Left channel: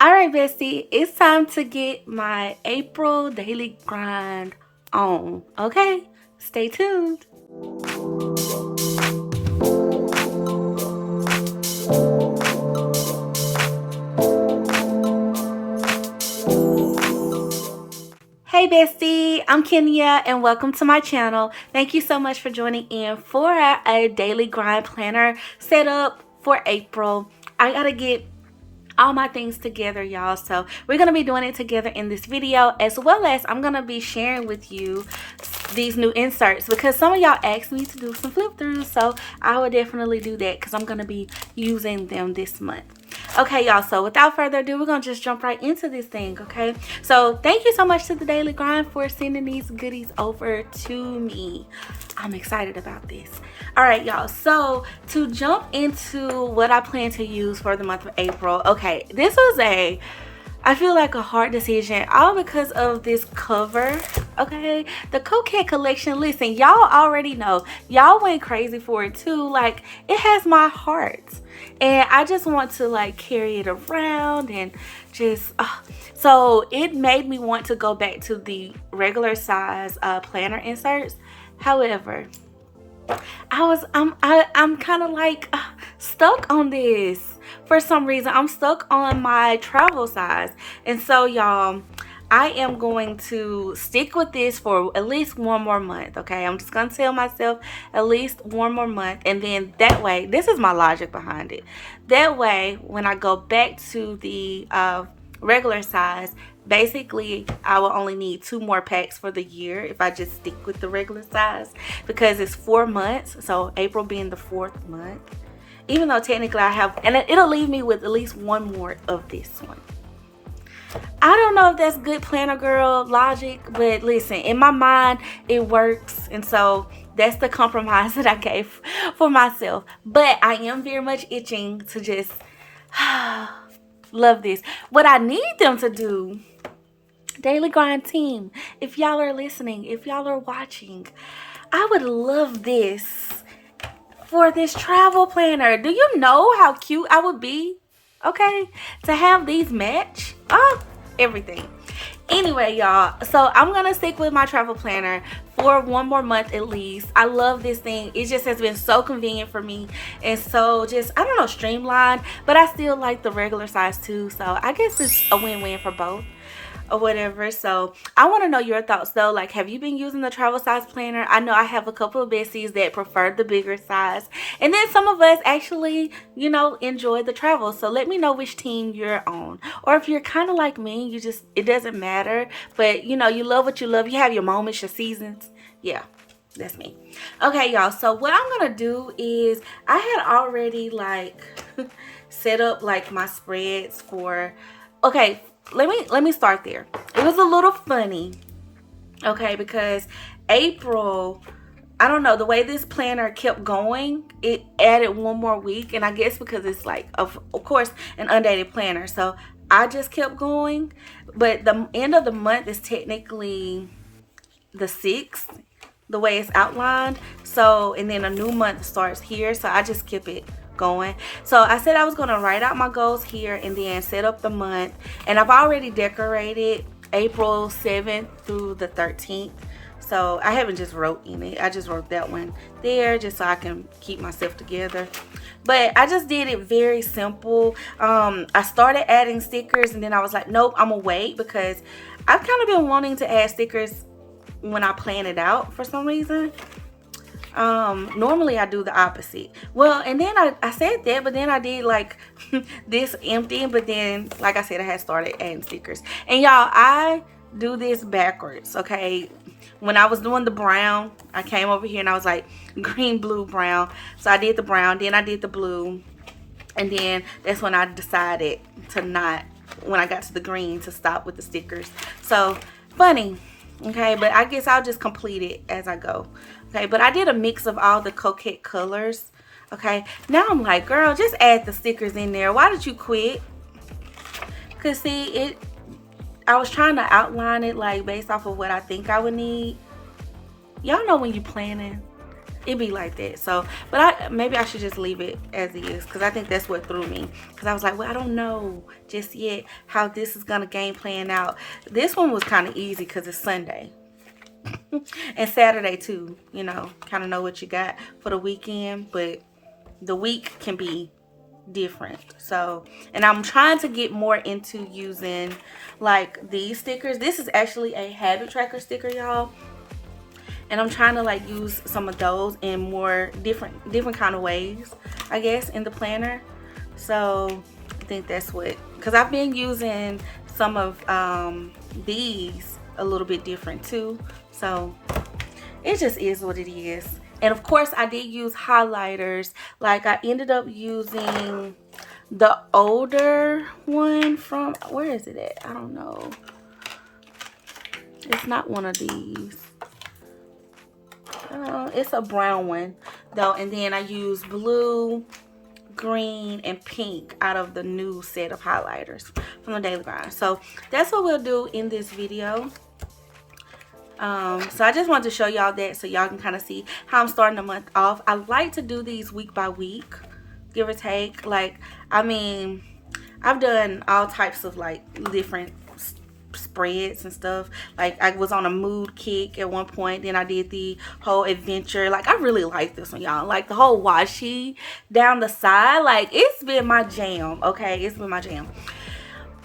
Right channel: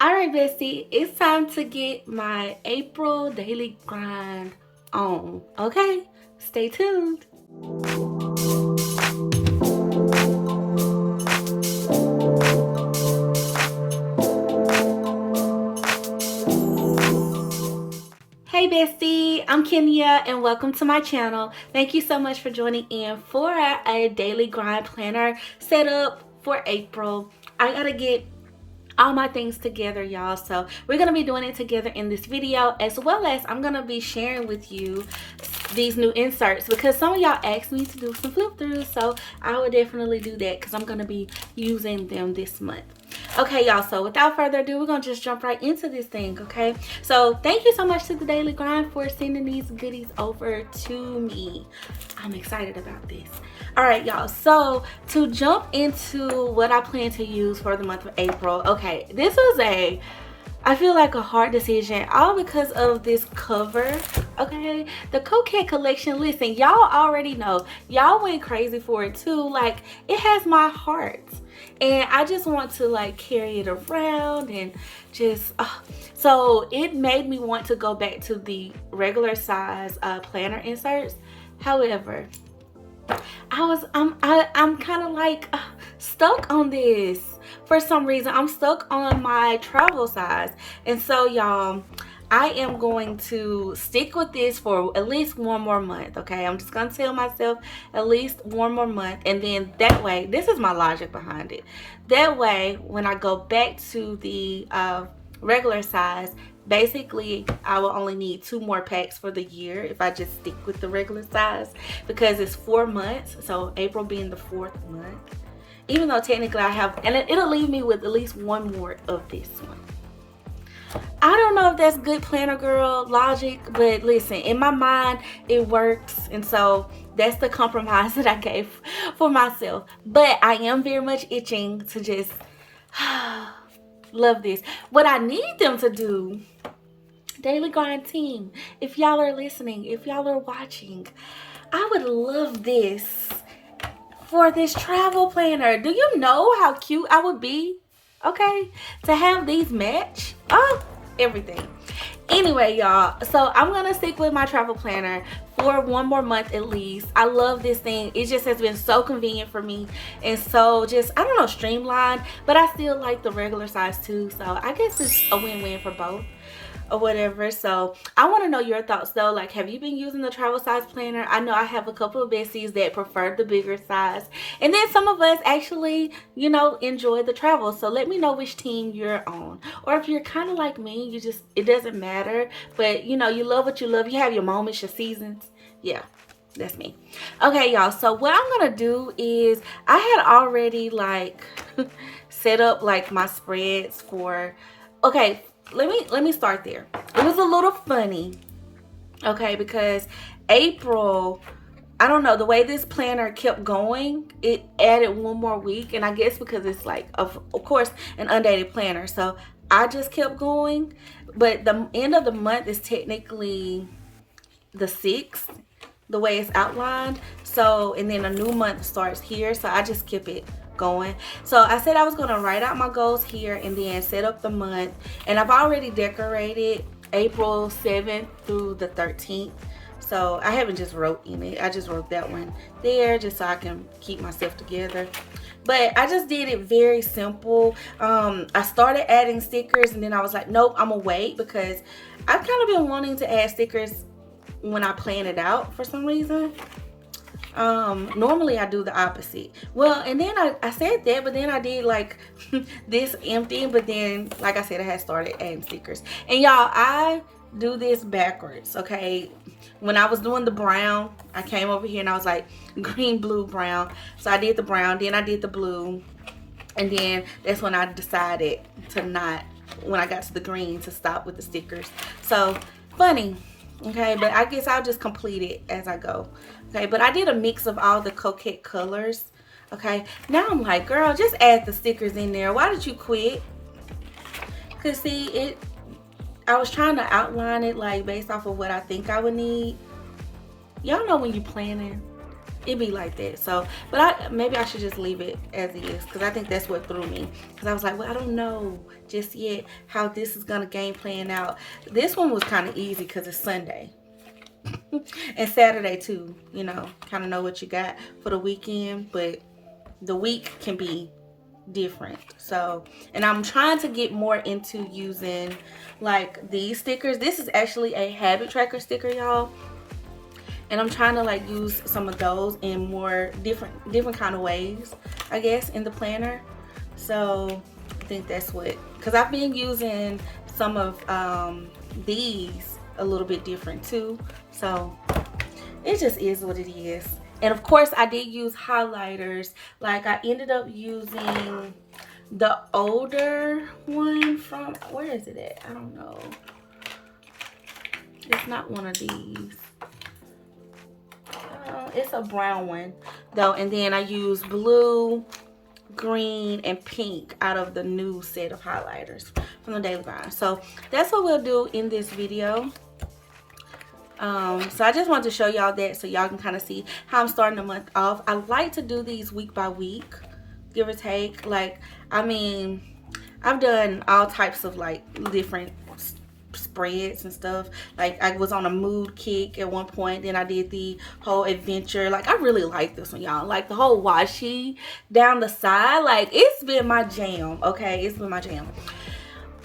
All right, bestie, it's time to get my April daily grind on. Okay, stay tuned. Hey, bestie, I'm Kenya, and welcome to my channel. Thank you so much for joining in for a daily grind planner set up for April. I gotta get all my things together, y'all, so we're gonna be doing it together in this video, as well as I'm gonna be sharing with you these new inserts because some of y'all asked me to do some flip throughs, so I will definitely do that because I'm gonna be using them this month. Okay, y'all, so without further ado, we're gonna just jump right into this thing. Okay, so thank you so much to the Daily Grind for sending these goodies over to me. I'm excited about this. All right, y'all, so to jump into what I plan to use for the month of April, okay, this was I feel like a hard decision, all because of this cover. Okay, the Coquette collection, listen, y'all already know, y'all went crazy for it too. Like, it has my heart, and I just want to like carry it around and just so it made me want to go back to the regular size planner inserts. However, I'm kind of like stuck on this for some reason. I'm stuck on my travel size, and so y'all, I am going to stick with this for at least one more month. Okay, I'm just gonna tell myself at least one more month, and then that way, this is my logic behind it. That way, when I go back to the regular size, basically I will only need 2 more packs for the year if I just stick with the regular size, because it's 4 months, so April being the 4th month, even though technically I have, and it'll leave me with at least one more of this one. I don't know if that's good planner girl logic, but listen, in my mind it works, and so that's the compromise that I gave for myself. But I am very much itching to just love this. What I need them to do, Daily Grind team, if y'all are listening, if y'all are watching, I would love this for this travel planner. Do you know how cute I would be? Okay, to have these match everything. Anyway, y'all, so I'm gonna stick with my travel planner for one more month at least. I love this thing. It just has been so convenient for me, and so just, I don't know, streamlined, but I still like the regular size too, so I guess it's a win-win for both or whatever. So I want to know your thoughts though. Like, have you been using the travel size planner? I know I have a couple of besties that prefer the bigger size, and then some of us actually, you know, enjoy the travel. So let me know which team you're on, or if you're kind of like me, you just, it doesn't matter, but you know, you love what you love. You have your moments, your seasons. Yeah, that's me. Okay, y'all, so what I'm gonna do is, I had already like set up like my spreads for, okay, let me start there. It was a little funny, okay, because April, I don't know, the way this planner kept going, it added one more week, and I guess because it's like, of course, an undated planner, so I just kept going. But the end of the month is technically the 6th, the way it's outlined. So, and then a new month starts here, so I just keep it going. So I said I was going to write out my goals here and then set up the month, and I've already decorated April 7th through the 13th, so I haven't just wrote in it. I just wrote that one there just so I can keep myself together. But I just did it very simple. I started adding stickers, and then I was like, nope, I'm gonna wait, because I've kind of been wanting to add stickers when I plan it out for some reason. Normally I do the opposite. Well, and then I said that, but then I did like this empty, but then like I said, I had started adding stickers. And y'all, I do this backwards. Okay, when I was doing the brown, I came over here and I was like green, blue, brown. So I did the brown, then I did the blue, and then that's when I decided to not, when I got to the green, to stop with the stickers. So funny. Okay, but I guess I'll just complete it as I go. Okay, but I did a mix of all the Coquette colors. Okay, now I'm like, girl, just add the stickers in there. Why did you quit? Because see, I was trying to outline it like based off of what I think I would need. Y'all know when you planning, it be like that. So, but maybe I should just leave it as it is, because I think that's what threw me. Because I was like, well, I don't know just yet how this is gonna game plan out. This one was kind of easy because it's Sunday and Saturday too. You know, kind of know what you got for the weekend, but the week can be different. So, and I'm trying to get more into using like these stickers. This is actually a habit tracker sticker, y'all, and I'm trying to like use some of those in more different kind of ways, I guess, in the planner. So I think that's what, because I've been using some of these a little bit different too. So it just is what it is. And of course I did use highlighters. Like I ended up using the older one from, where is it at? I don't know. It's not one of these. It's a brown one though. And then I used blue, green, and pink out of the new set of highlighters from the Daily Grind. So that's what we'll do in this video. So I just wanted to show y'all that so y'all can kind of see how I'm starting the month off. I like to do these week by week, give or take. Like, I mean, I've done all types of like different spreads and stuff. Like I was on a mood kick at one point, then I did the whole adventure. Like I really like this one, y'all. Like the whole washi down the side, like it's been my jam. Okay, it's been my jam.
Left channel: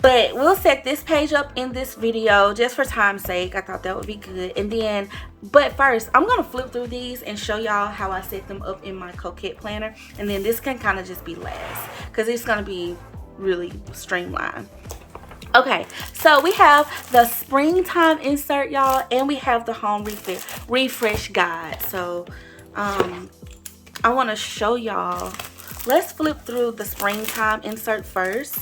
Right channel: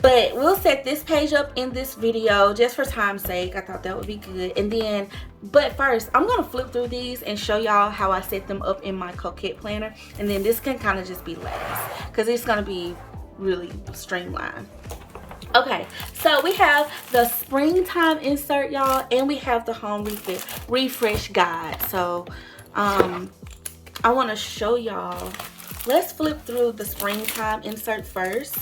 But we'll set this page up in this video just for time's sake. I thought that would be good. And then, but first, I'm going to flip through these and show y'all how I set them up in my Coquette planner. And then this can kind of just be last, because it's going to be really streamlined. Okay, so we have the springtime insert, y'all, and we have the home refresh guide. So I want to show y'all. Let's flip through the springtime insert first.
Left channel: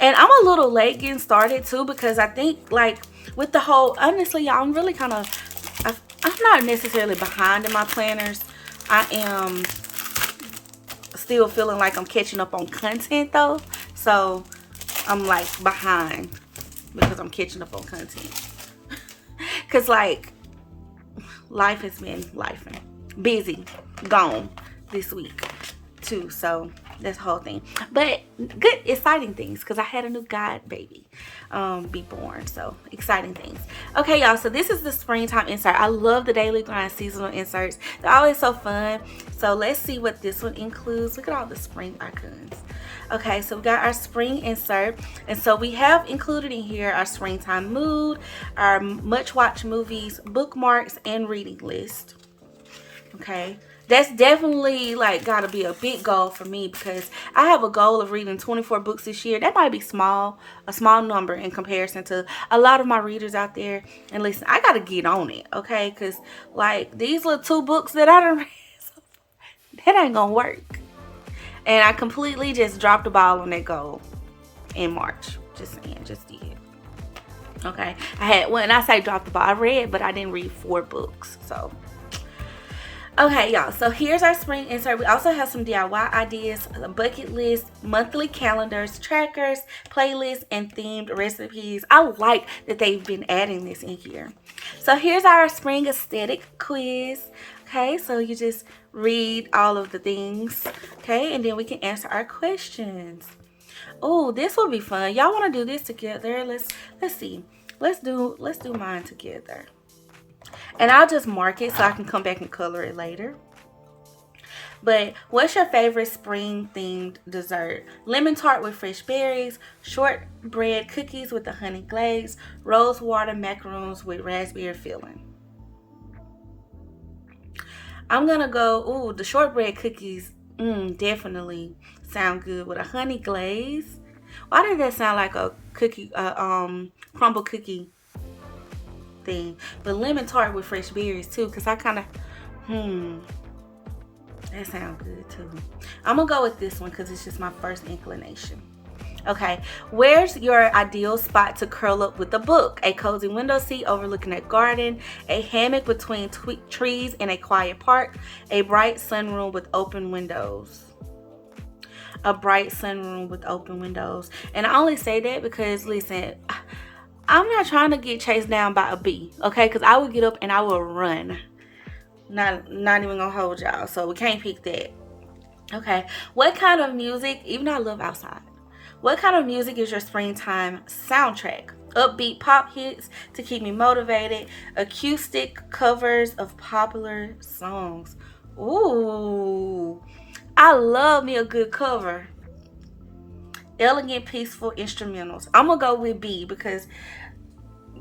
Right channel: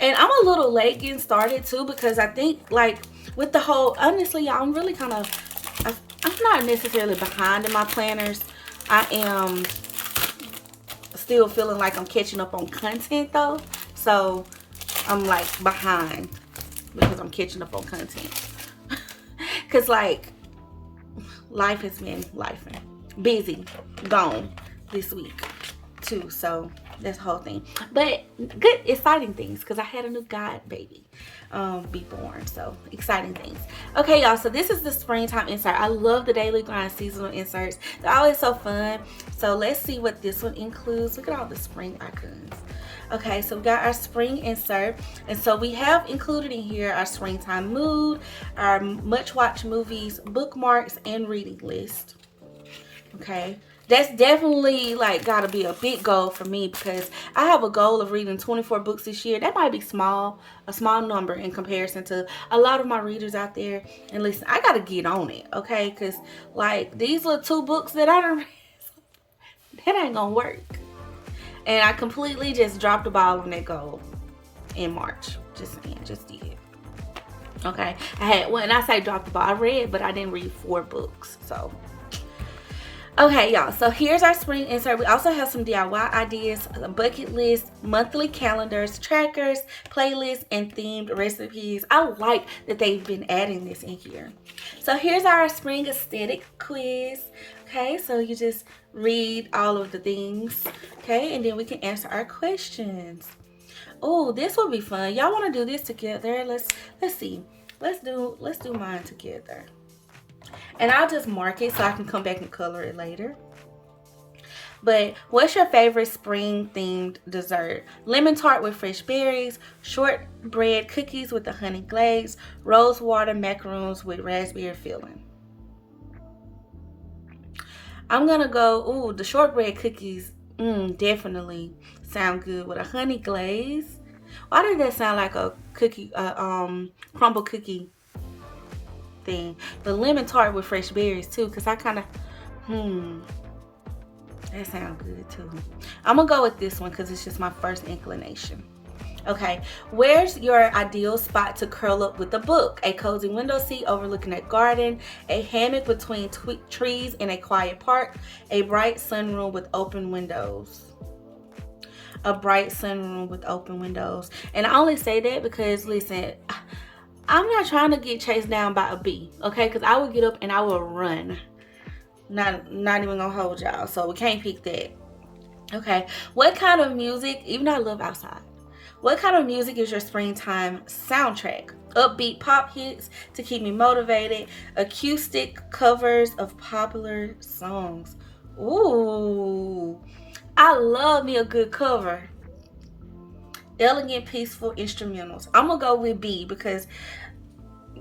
And I'm a little late getting started too, because I think like with the whole, honestly, y'all, I'm really kind of, I'm not necessarily behind in my planners. I am still feeling like I'm catching up on content though. So I'm like behind because I'm catching up on content. Cause like life has been lifing, busy, gone this week too. So this whole thing, but good exciting things, because I had a new god baby be born. So exciting things. Okay, y'all, so this is the springtime insert. I love the Daily Grind seasonal inserts. They're always so fun. So let's see what this one includes. Look at all the spring icons. Okay, so we got our spring insert, and so we have included in here our springtime mood, our much watched movies, bookmarks, and reading list. Okay, that's definitely like gotta be a big goal for me, because I have a goal of reading 24 books this year. That might be small, a small number in comparison to a lot of my readers out there. And listen, I gotta get on it, okay? Because like these little 2 books that I done read, that ain't gonna work. And I completely just dropped the ball on that goal in March. Just saying, just did. Okay, I had, when I say drop the ball, I read, but I didn't read 4 books. So okay, y'all, so here's our spring insert. We also have some DIY ideas, a bucket list, monthly calendars, trackers, playlists, and themed recipes. I like that they've been adding this in here. So here's our spring aesthetic quiz. Okay, so you just read all of the things, okay, and then we can answer our questions. Oh, this will be fun. Y'all want to do this together? Let's see. Let's do mine together. And I'll just mark it so I can come back and color it later. But what's your favorite spring themed dessert? Lemon tart with fresh berries, shortbread cookies with the honey glaze, rose water macaroons with raspberry filling. I'm gonna go, ooh, the shortbread cookies, definitely sound good with a honey glaze. Why did that sound like a cookie, crumble cookie thing? But lemon tart with fresh berries too, because I kind of, that sounds good too. I'm gonna go with this one because it's just my first inclination. Okay, where's your ideal spot to curl up with a book? A cozy window seat overlooking a garden, a hammock between trees in a quiet park, a bright sunroom with open windows. A bright sunroom with open windows. And I only say that because, listen, I'm not trying to get chased down by a bee, okay? Because I will get up and I will run. Not even gonna hold y'all. So we can't pick that. Okay. What kind of music, even though I love outside, what kind of music is your springtime soundtrack? Upbeat pop hits to keep me motivated, acoustic covers of popular songs. Ooh, I love me a good cover. Elegant, peaceful instrumentals. I'm gonna go with B because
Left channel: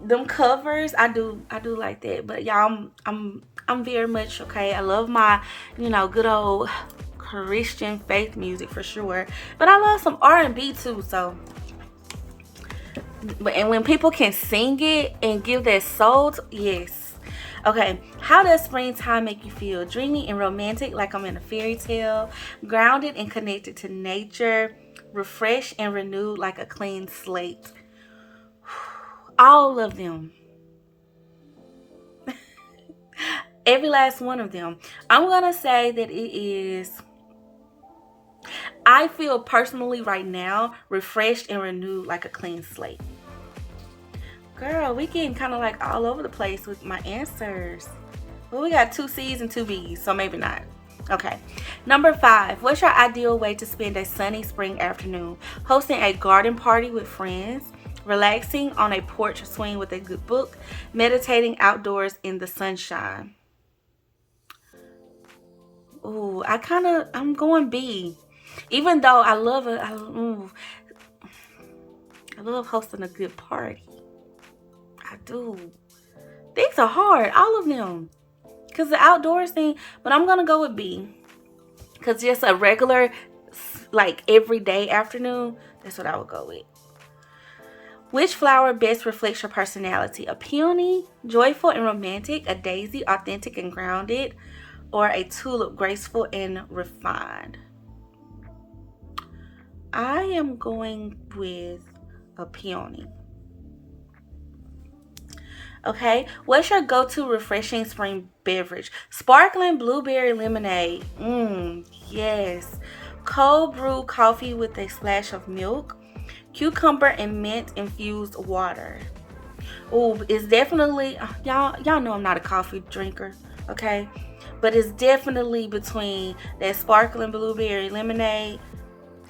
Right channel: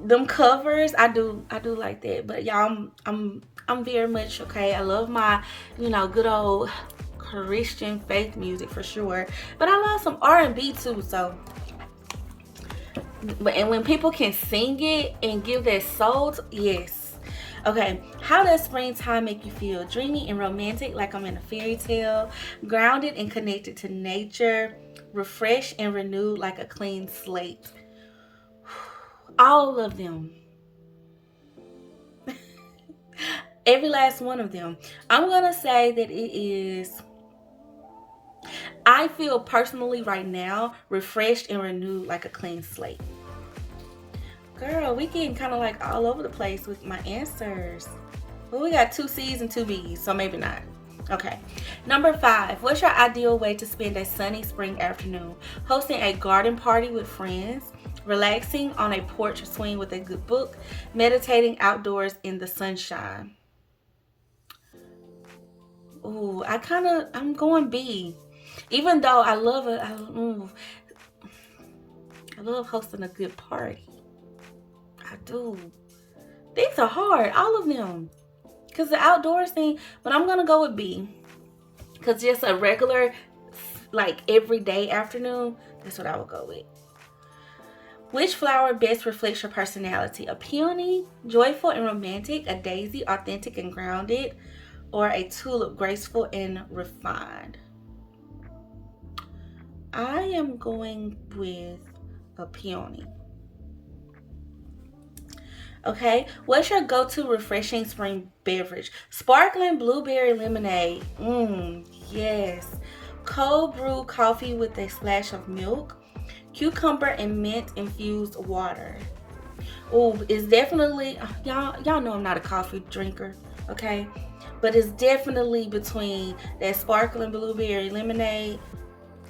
them covers, I do like that. But y'all, I'm very much okay. I love my, good old Christian faith music for sure. But I love some R&B too. So, and when people can sing it and give their soul, yes. Okay, how does springtime make you feel? Dreamy and romantic, like I'm in a fairy tale. Grounded and connected to nature. Refreshed and renewed, like a clean slate. All of them. Every last one of them. I'm going to say that it is, I feel personally right now, refreshed and renewed like a clean slate. Girl, we getting kind of like all over the place with my answers. Well, we got 2 C's and 2 B's, so maybe not. Okay. Number 5. What's your ideal way to spend a sunny spring afternoon? Hosting a garden party with friends, relaxing on a porch swing with a good book, meditating outdoors in the sunshine. Ooh, I'm going B. Even though I love it, I love hosting a good party. I do. These are hard, all of them. Because the outdoors thing, but I'm going to go with B. Because just a regular, like everyday afternoon, that's what I would go with. Which flower best reflects your personality? A peony, joyful and romantic, a daisy, authentic and grounded, or a tulip, graceful and refined? I am going with a peony. Okay, what's your go-to refreshing spring beverage? Sparkling blueberry lemonade. Yes. Cold brew coffee with a splash of milk. Cucumber and mint infused water. Ooh, it's definitely, y'all know I'm not a coffee drinker, okay? But it's definitely between that sparkling blueberry lemonade,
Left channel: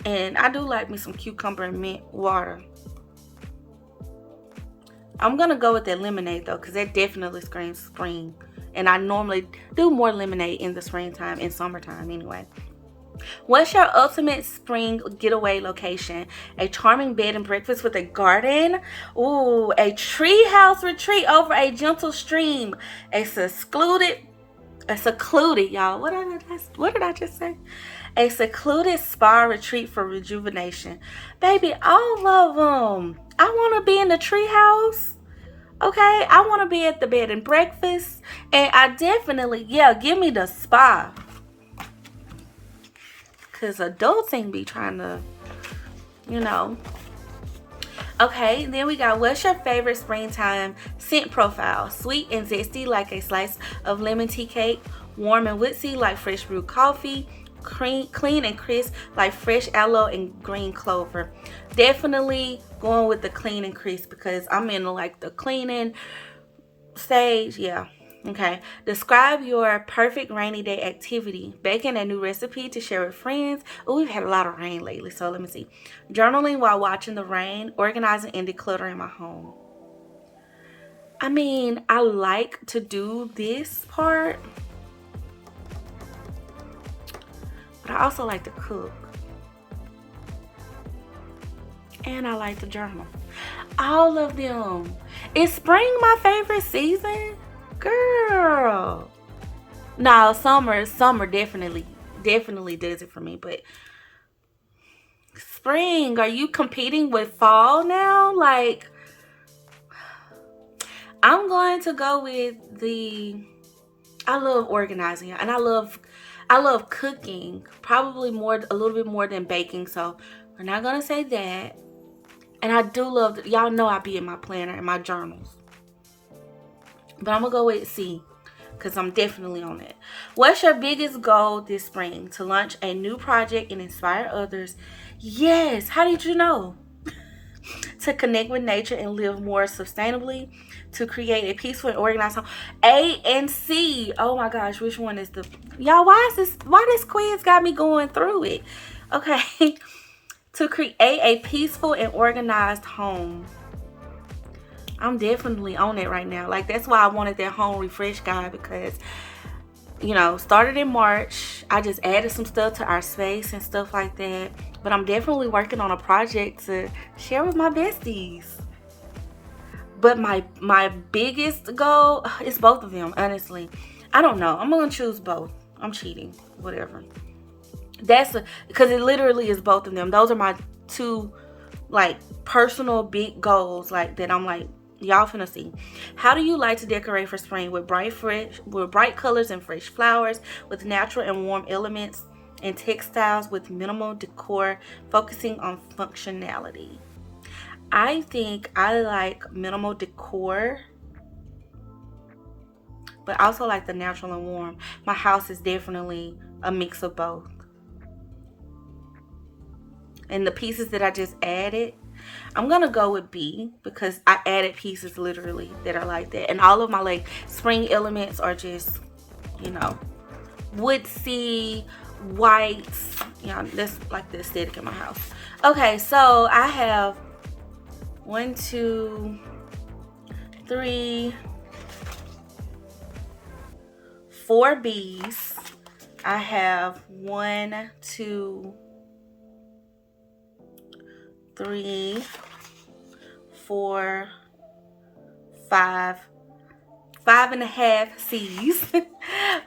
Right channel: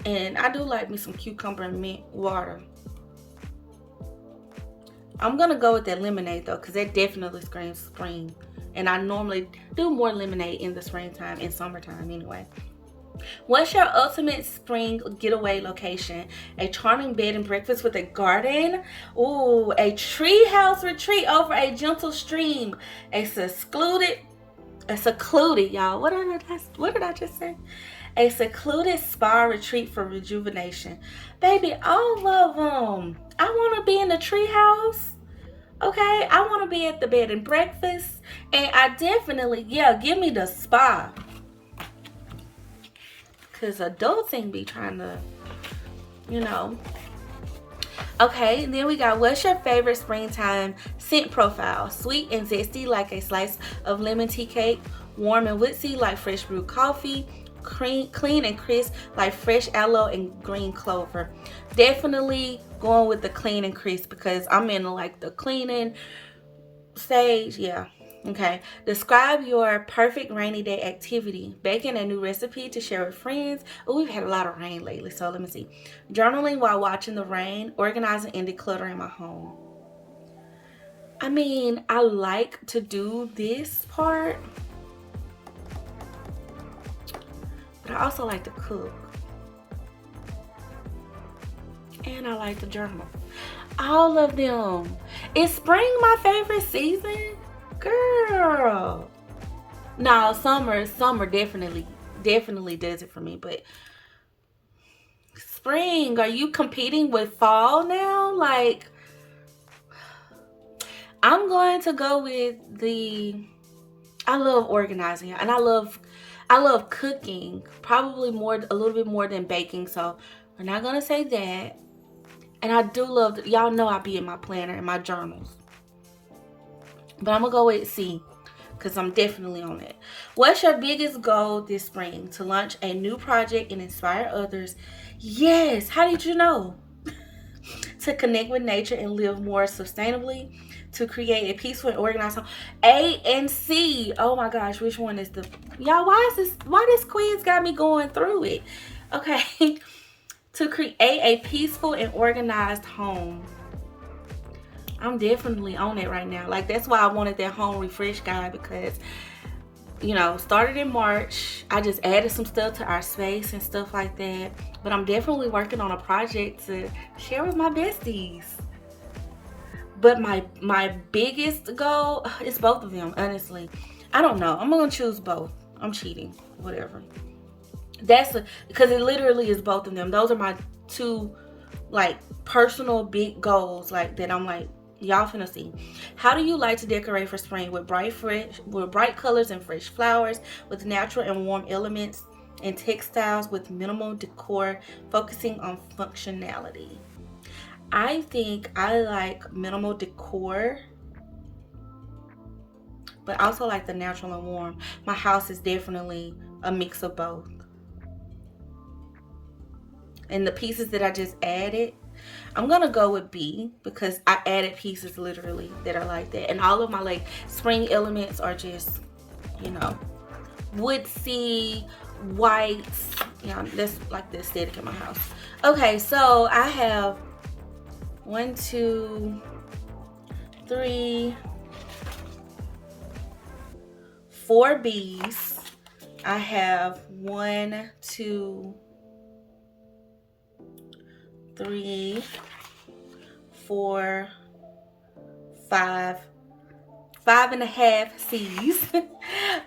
and I do like me some cucumber and mint water. I'm gonna go with that lemonade though, because that definitely screams spring. And I normally do more lemonade in the springtime and summertime anyway. What's your ultimate spring getaway location? A charming bed and breakfast with a garden? Ooh, a treehouse retreat over a gentle stream. A secluded, y'all. What did I just say? A secluded spa retreat for rejuvenation. Baby, all of them. I want to be in the treehouse. Okay, I want to be at the bed and breakfast. And I definitely, give me the spa. Because adults ain't be trying to, Okay, then we got, what's your favorite springtime scent profile? Sweet and zesty like a slice of lemon tea cake. Warm and woodsy like fresh brewed coffee. Clean and crisp like fresh aloe and green clover. Definitely going with the clean and crisp because I'm in like the cleaning stage. Yeah. Okay. Describe your perfect rainy day activity. Baking a new recipe to share with friends. Oh, we've had a lot of rain lately, so let me see. Journaling while watching the rain. Organizing and decluttering my home. I mean, I like to do this part, but I also like to cook. And I like to journal. All of them. Is spring my favorite season? Girl. No, summer definitely does it for me. But spring, are you competing with fall now? Like, I'm going to go with I love organizing and I love cooking, probably a little bit more than baking. So we're not going to say that. And I do love, y'all know I be in my planner and my journals. But I'm going to go with C because I'm definitely on it. What's your biggest goal this spring? To launch a new project and inspire others. Yes. How did you know? To connect with nature and live more sustainably. To create a peaceful and organized home. A and C. Oh my gosh, which one is the... Y'all, why this quiz got me going through it? Okay. To create a peaceful and organized home. I'm definitely on it right now. Like, that's why I wanted that home refresh guide, because, you know, started in March. I just added some stuff to our space and stuff like that. But I'm definitely working on a project to share with my besties. But my biggest goal is both of them, honestly. I don't know. I'm going to choose both. I'm cheating. Whatever. Because it literally is both of them. Those are my two, like, personal big goals, like, that I'm like, y'all finna see. How do you like to decorate for spring? With bright colors and fresh flowers, with natural and warm elements, and textiles with minimal decor, focusing on functionality. I think I like minimal decor, but also like the natural and warm. My house is definitely a mix of both. And the pieces that I just added, I'm gonna go with B, because I added pieces literally that are like that. And all of my like spring elements are just, you know, woodsy, white. You know, that's like the aesthetic in my house. Okay, so I have 1, 2, 3, 4 B's. I have 1, 2, 3, 4, 5, 5.5 C's.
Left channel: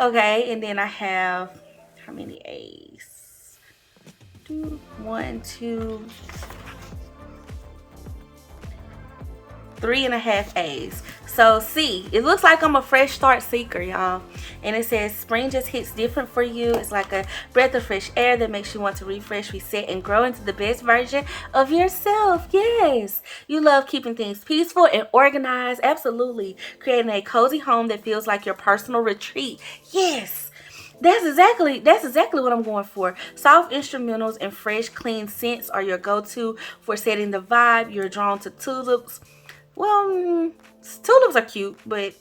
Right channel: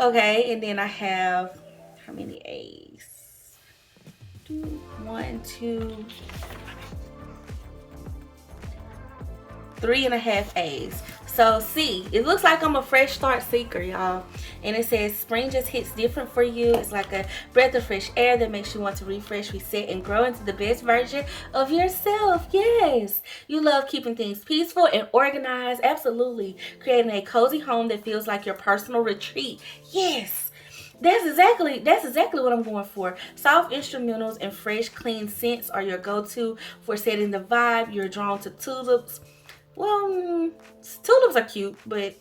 Okay, and then I have how many A's? 1, 2, 3.5 A's. So C, it looks like I'm a fresh start seeker, y'all. And it says spring just hits different for you. It's like a breath of fresh air that makes you want to refresh, reset, and grow into the best version of yourself. Yes, you love keeping things peaceful and organized. Absolutely. Creating a cozy home that feels like your personal retreat. Yes. That's exactly what I'm going for. Soft instrumentals and fresh, clean scents are your go-to for setting the vibe. You're drawn to tulips. Well, tulips are cute, but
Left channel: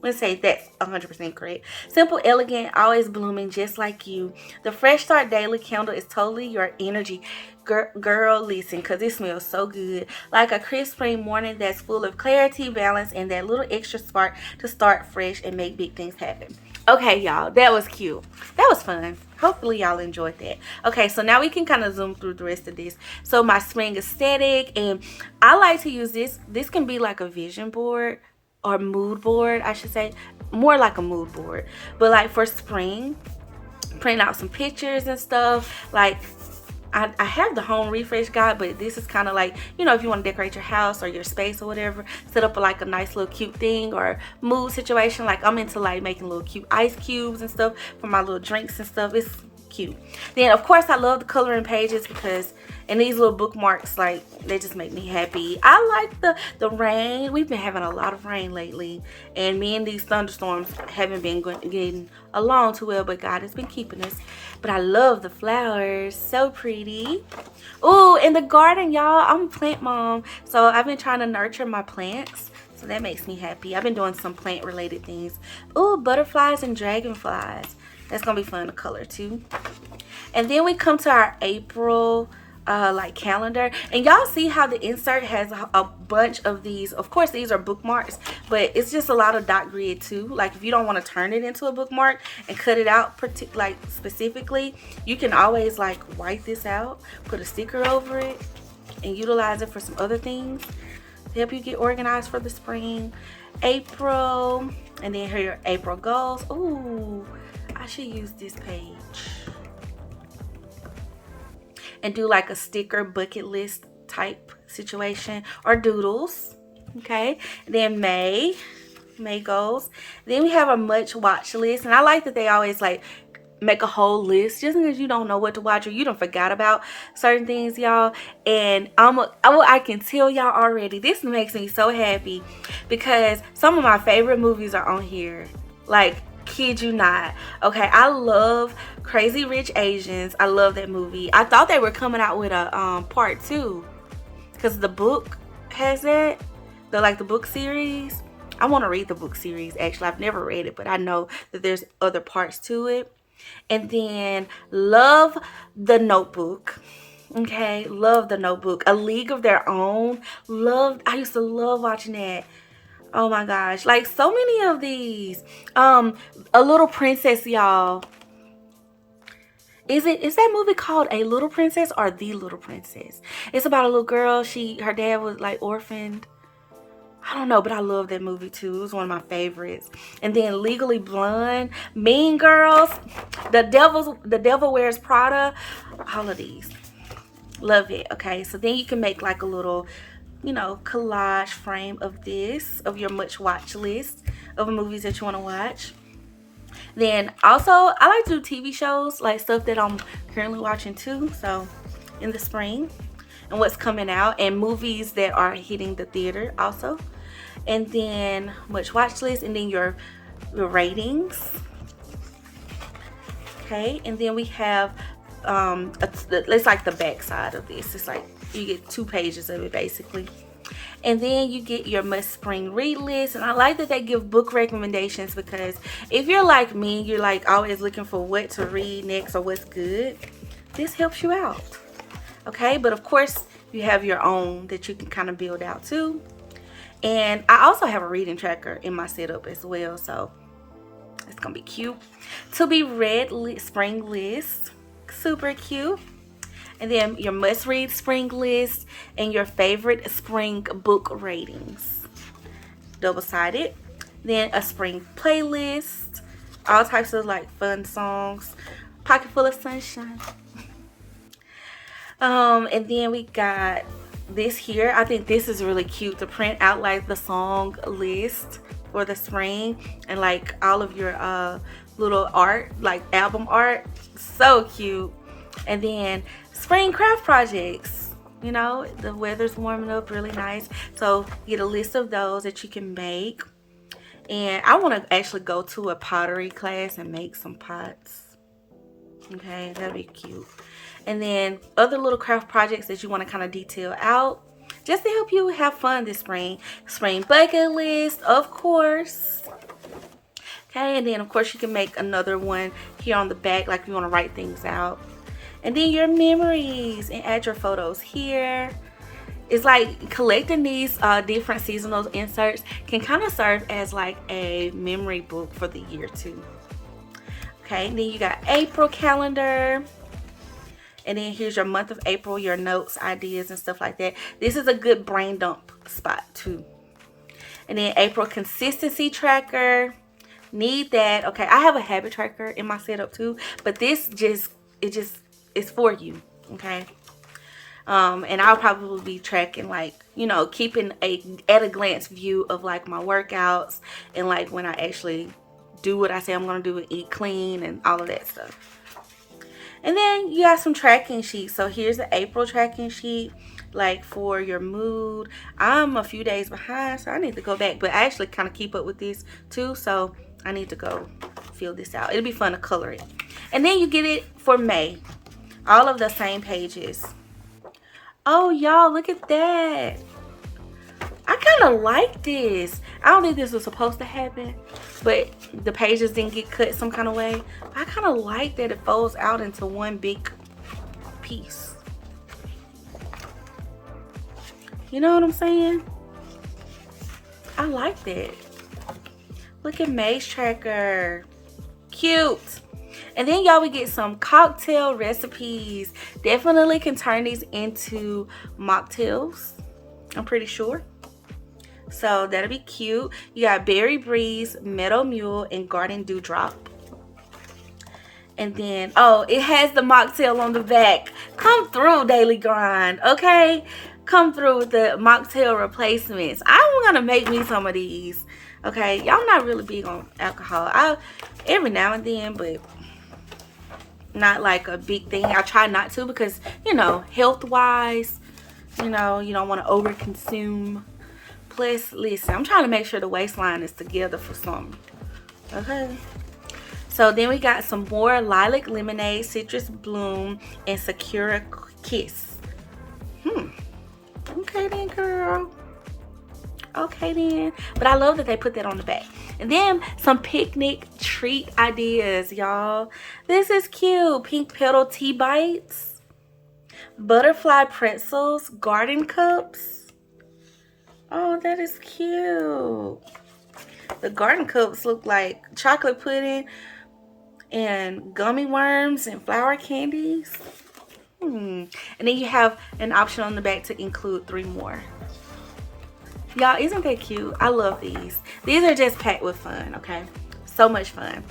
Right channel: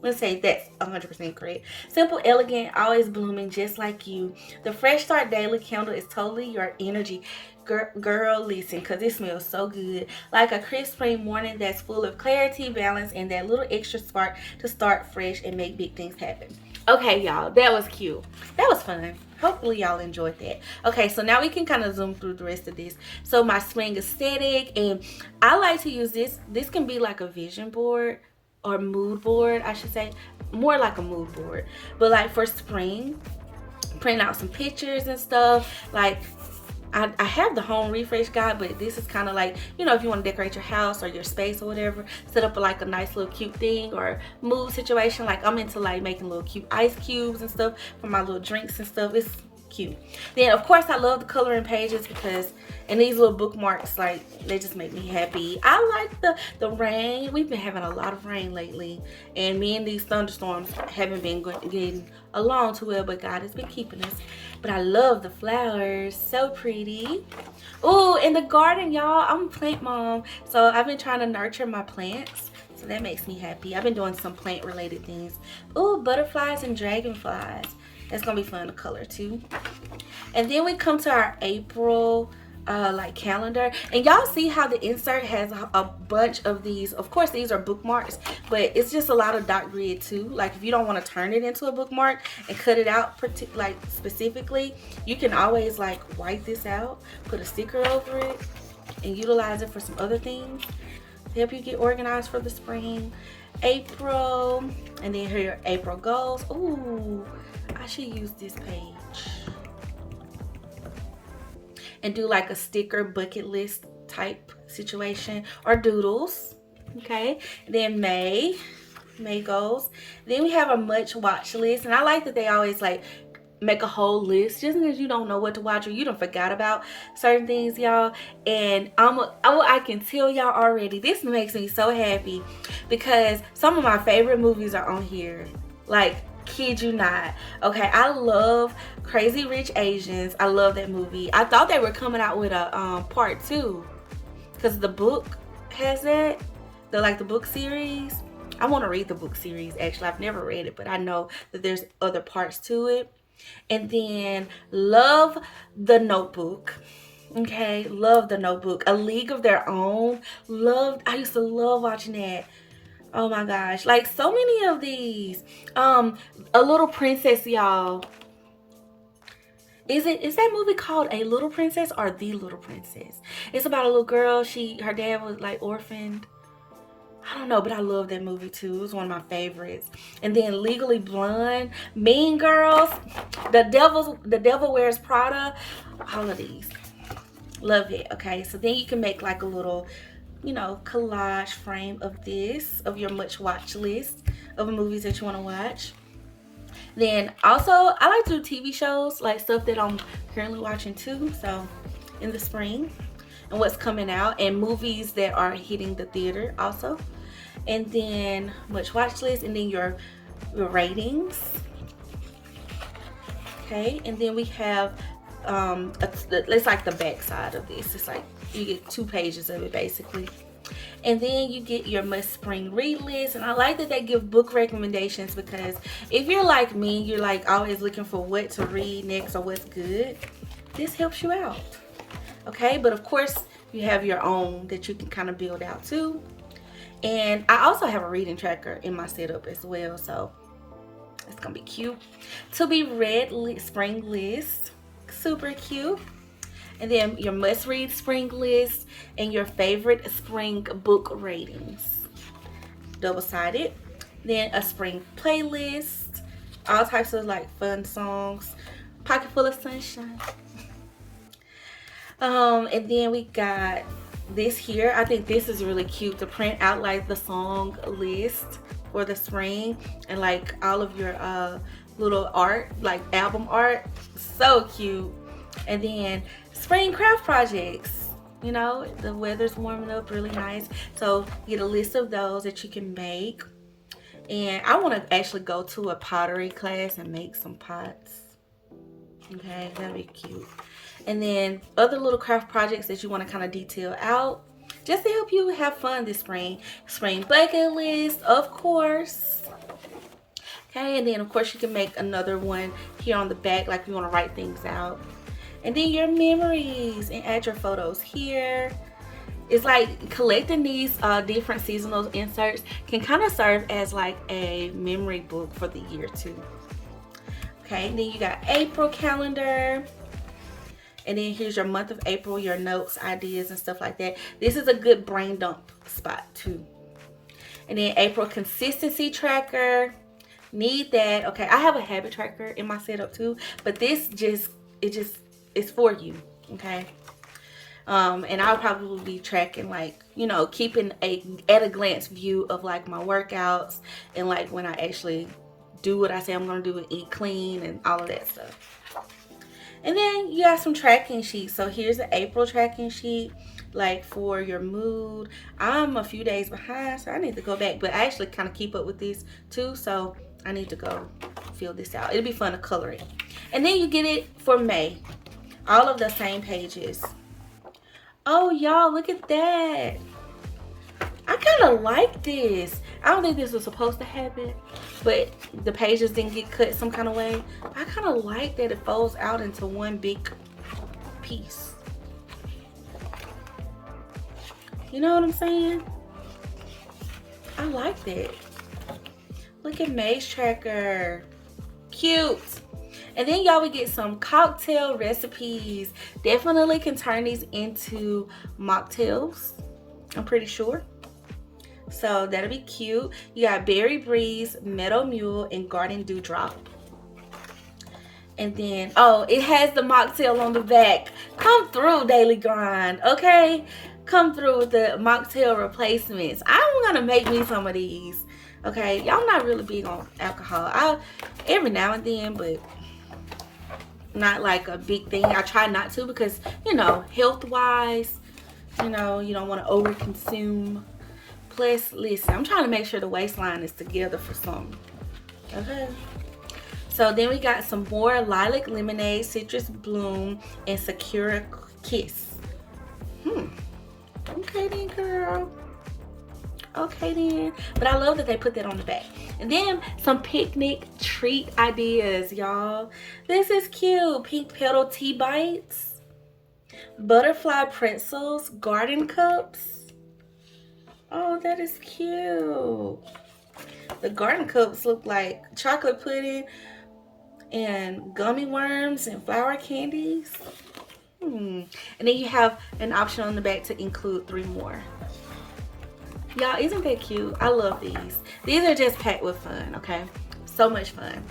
let's say that's 100% correct. Simple, elegant, always blooming, just like you. The Fresh Start Daily Candle is totally your energy. Girl, listen, because it smells so good. Like a crisp spring morning that's full of clarity, balance, and that little extra spark to start fresh and make big things happen. Okay, y'all, that was cute. That was fun. Hopefully y'all enjoyed that. Okay, so now we can kind of zoom through the rest of this. So my spring aesthetic, and I like to use this. This can be like a vision board or mood board, I should say. More like a mood board. But like for spring, print out some pictures and stuff. Like I have the home refresh guide, but this is kind of like, you know, if you want to decorate your house or your space or whatever, set up like a nice little cute thing or mood situation. Like I'm into like making little cute ice cubes and stuff for my little drinks and stuff. It's cute. Then of course I love the coloring pages, because and these little bookmarks, like, they just make me happy. I like the rain. We've been having a lot of rain lately, and me and these thunderstorms haven't been getting along too well, but God has been keeping us. But I love the flowers. So pretty. Ooh, in the garden, y'all, I'm a plant mom, so I've been trying to nurture my plants, so that makes me happy. I've been doing some plant related things. Ooh, butterflies and dragonflies. That's gonna be fun to color too. And then we come to our April like calendar, and y'all see how the insert has a bunch of these. Of course these are bookmarks, but it's just a lot of dot grid too. Like if you don't want to turn it into a bookmark and cut it out like specifically, you can always like wipe this out, put a sticker over it, and utilize it for some other things to help you get organized for the spring. April, and then here are your April goals. Ooh, I should use this page and do like a sticker bucket list type situation, or doodles. Okay, then May goals. Then we have a much watch list, and I like that they always like make a whole list, just because you don't know what to watch or you don't forgot about certain things, y'all. And I can tell y'all already, this makes me so happy, because some of my favorite movies are on here. Like, kid you not. Okay, I love Crazy Rich Asians. I love that movie. I thought they were coming out with a part 2, because the book has that, the book series. I want to read the book series. Actually, I've never read it, but I know that there's other parts to it. And then love the Notebook. Okay, love the Notebook. A League of Their Own. I used to love watching that. Oh my gosh, like so many of these. A Little Princess, y'all. Is that movie called A Little Princess or The Little Princess? It's about a little girl. Her dad was like orphaned. I don't know, but I love that movie too. It was one of my favorites. And then Legally Blonde, Mean Girls, The Devil Wears Prada. All of these. Love it. Okay, so then you can make like a little, collage frame of your much watch list of movies that you want to watch. Then also, I like to do TV shows, like stuff that I'm currently watching too. So in the spring, and what's coming out, and movies that are hitting the theater also. And then much watch list, and then your ratings. Okay, and then we have it's like the back side of this. It's like you get 2 pages of it basically. And then you get your must spring read list. And I like that they give book recommendations, because if you're like me, you're like always looking for what to read next or what's good, this helps you out. Okay, but of course you have your own that you can kind of build out too. And I also have a reading tracker in my setup as well, so it's gonna be cute. To be read spring list, super cute. And then your must read spring list and your favorite spring book ratings, double-sided. Then a spring playlist, all types of like fun songs, pocket full of sunshine. And then we got this here. I think this is really cute to print out like the song list for the spring, and like all of your little art, like album art. So cute. And then spring craft projects. The weather's warming up really nice, so get a list of those that you can make. And I want to actually go to a pottery class and make some pots. Okay, that'd be cute. And then other little craft projects that you want to kind of detail out, just to help you have fun this spring. Spring bucket list, of course. Okay, and then of course you can make another one here on the back, like you want to write things out. And then your memories, and add your photos here. It's like collecting these different seasonal inserts can kind of serve as like a memory book for the year too. Okay, and then you got April calendar. And then here's your month of April, your notes, ideas, and stuff like that. This is a good brain dump spot too. And then April consistency tracker. Need that. Okay, I have a habit tracker in my setup too, but this it's for you. Okay. And I'll probably be tracking, like, keeping at a glance view of like my workouts, and like when I actually do what I say I'm gonna do and eat clean and all of that stuff. And then you got some tracking sheets. So here's the April tracking sheet, like for your mood. I'm a few days behind, so I need to go back, but I actually kind of keep up with this too, so I need to go fill this out. It'll be fun to color it. And then you get it for May, all of the same pages. Oh, y'all, look at that. I kind of like this. I don't think this was supposed to happen, but the pages didn't get cut some kind of way. I kind of like that it folds out into one big piece. You know what I'm saying? I like that. Look at May's tracker. Cute. And then y'all, we get some cocktail recipes. Definitely can turn these into mocktails, I'm pretty sure. So that'll be cute. You got Berry Breeze, Meadow Mule, and Garden Dewdrop. And then, oh, it has the mocktail on the back. Come through, Daily Grind, okay? Come through with the mocktail replacements. I'm gonna make me some of these, okay? Y'all not really big on alcohol. Every now and then, but not like a big thing. I try not to, because, health-wise, you don't want to over-consume. Plus, listen, I'm trying to make sure the waistline is together for something. Okay. So then we got some more Lilac Lemonade, Citrus Bloom, and Sakura Kiss. Okay then, girl. Okay then. But I love that they put that on the back. And then some picnic treat ideas, y'all. This is cute. Pink petal tea bites, butterfly pretzels, garden cups. Oh, that is cute. The garden cups look like chocolate pudding and gummy worms and flour candies. And then you have an option on the back to include 3 more. Y'all, isn't that cute? I love these. These are just packed with fun, okay? So much fun.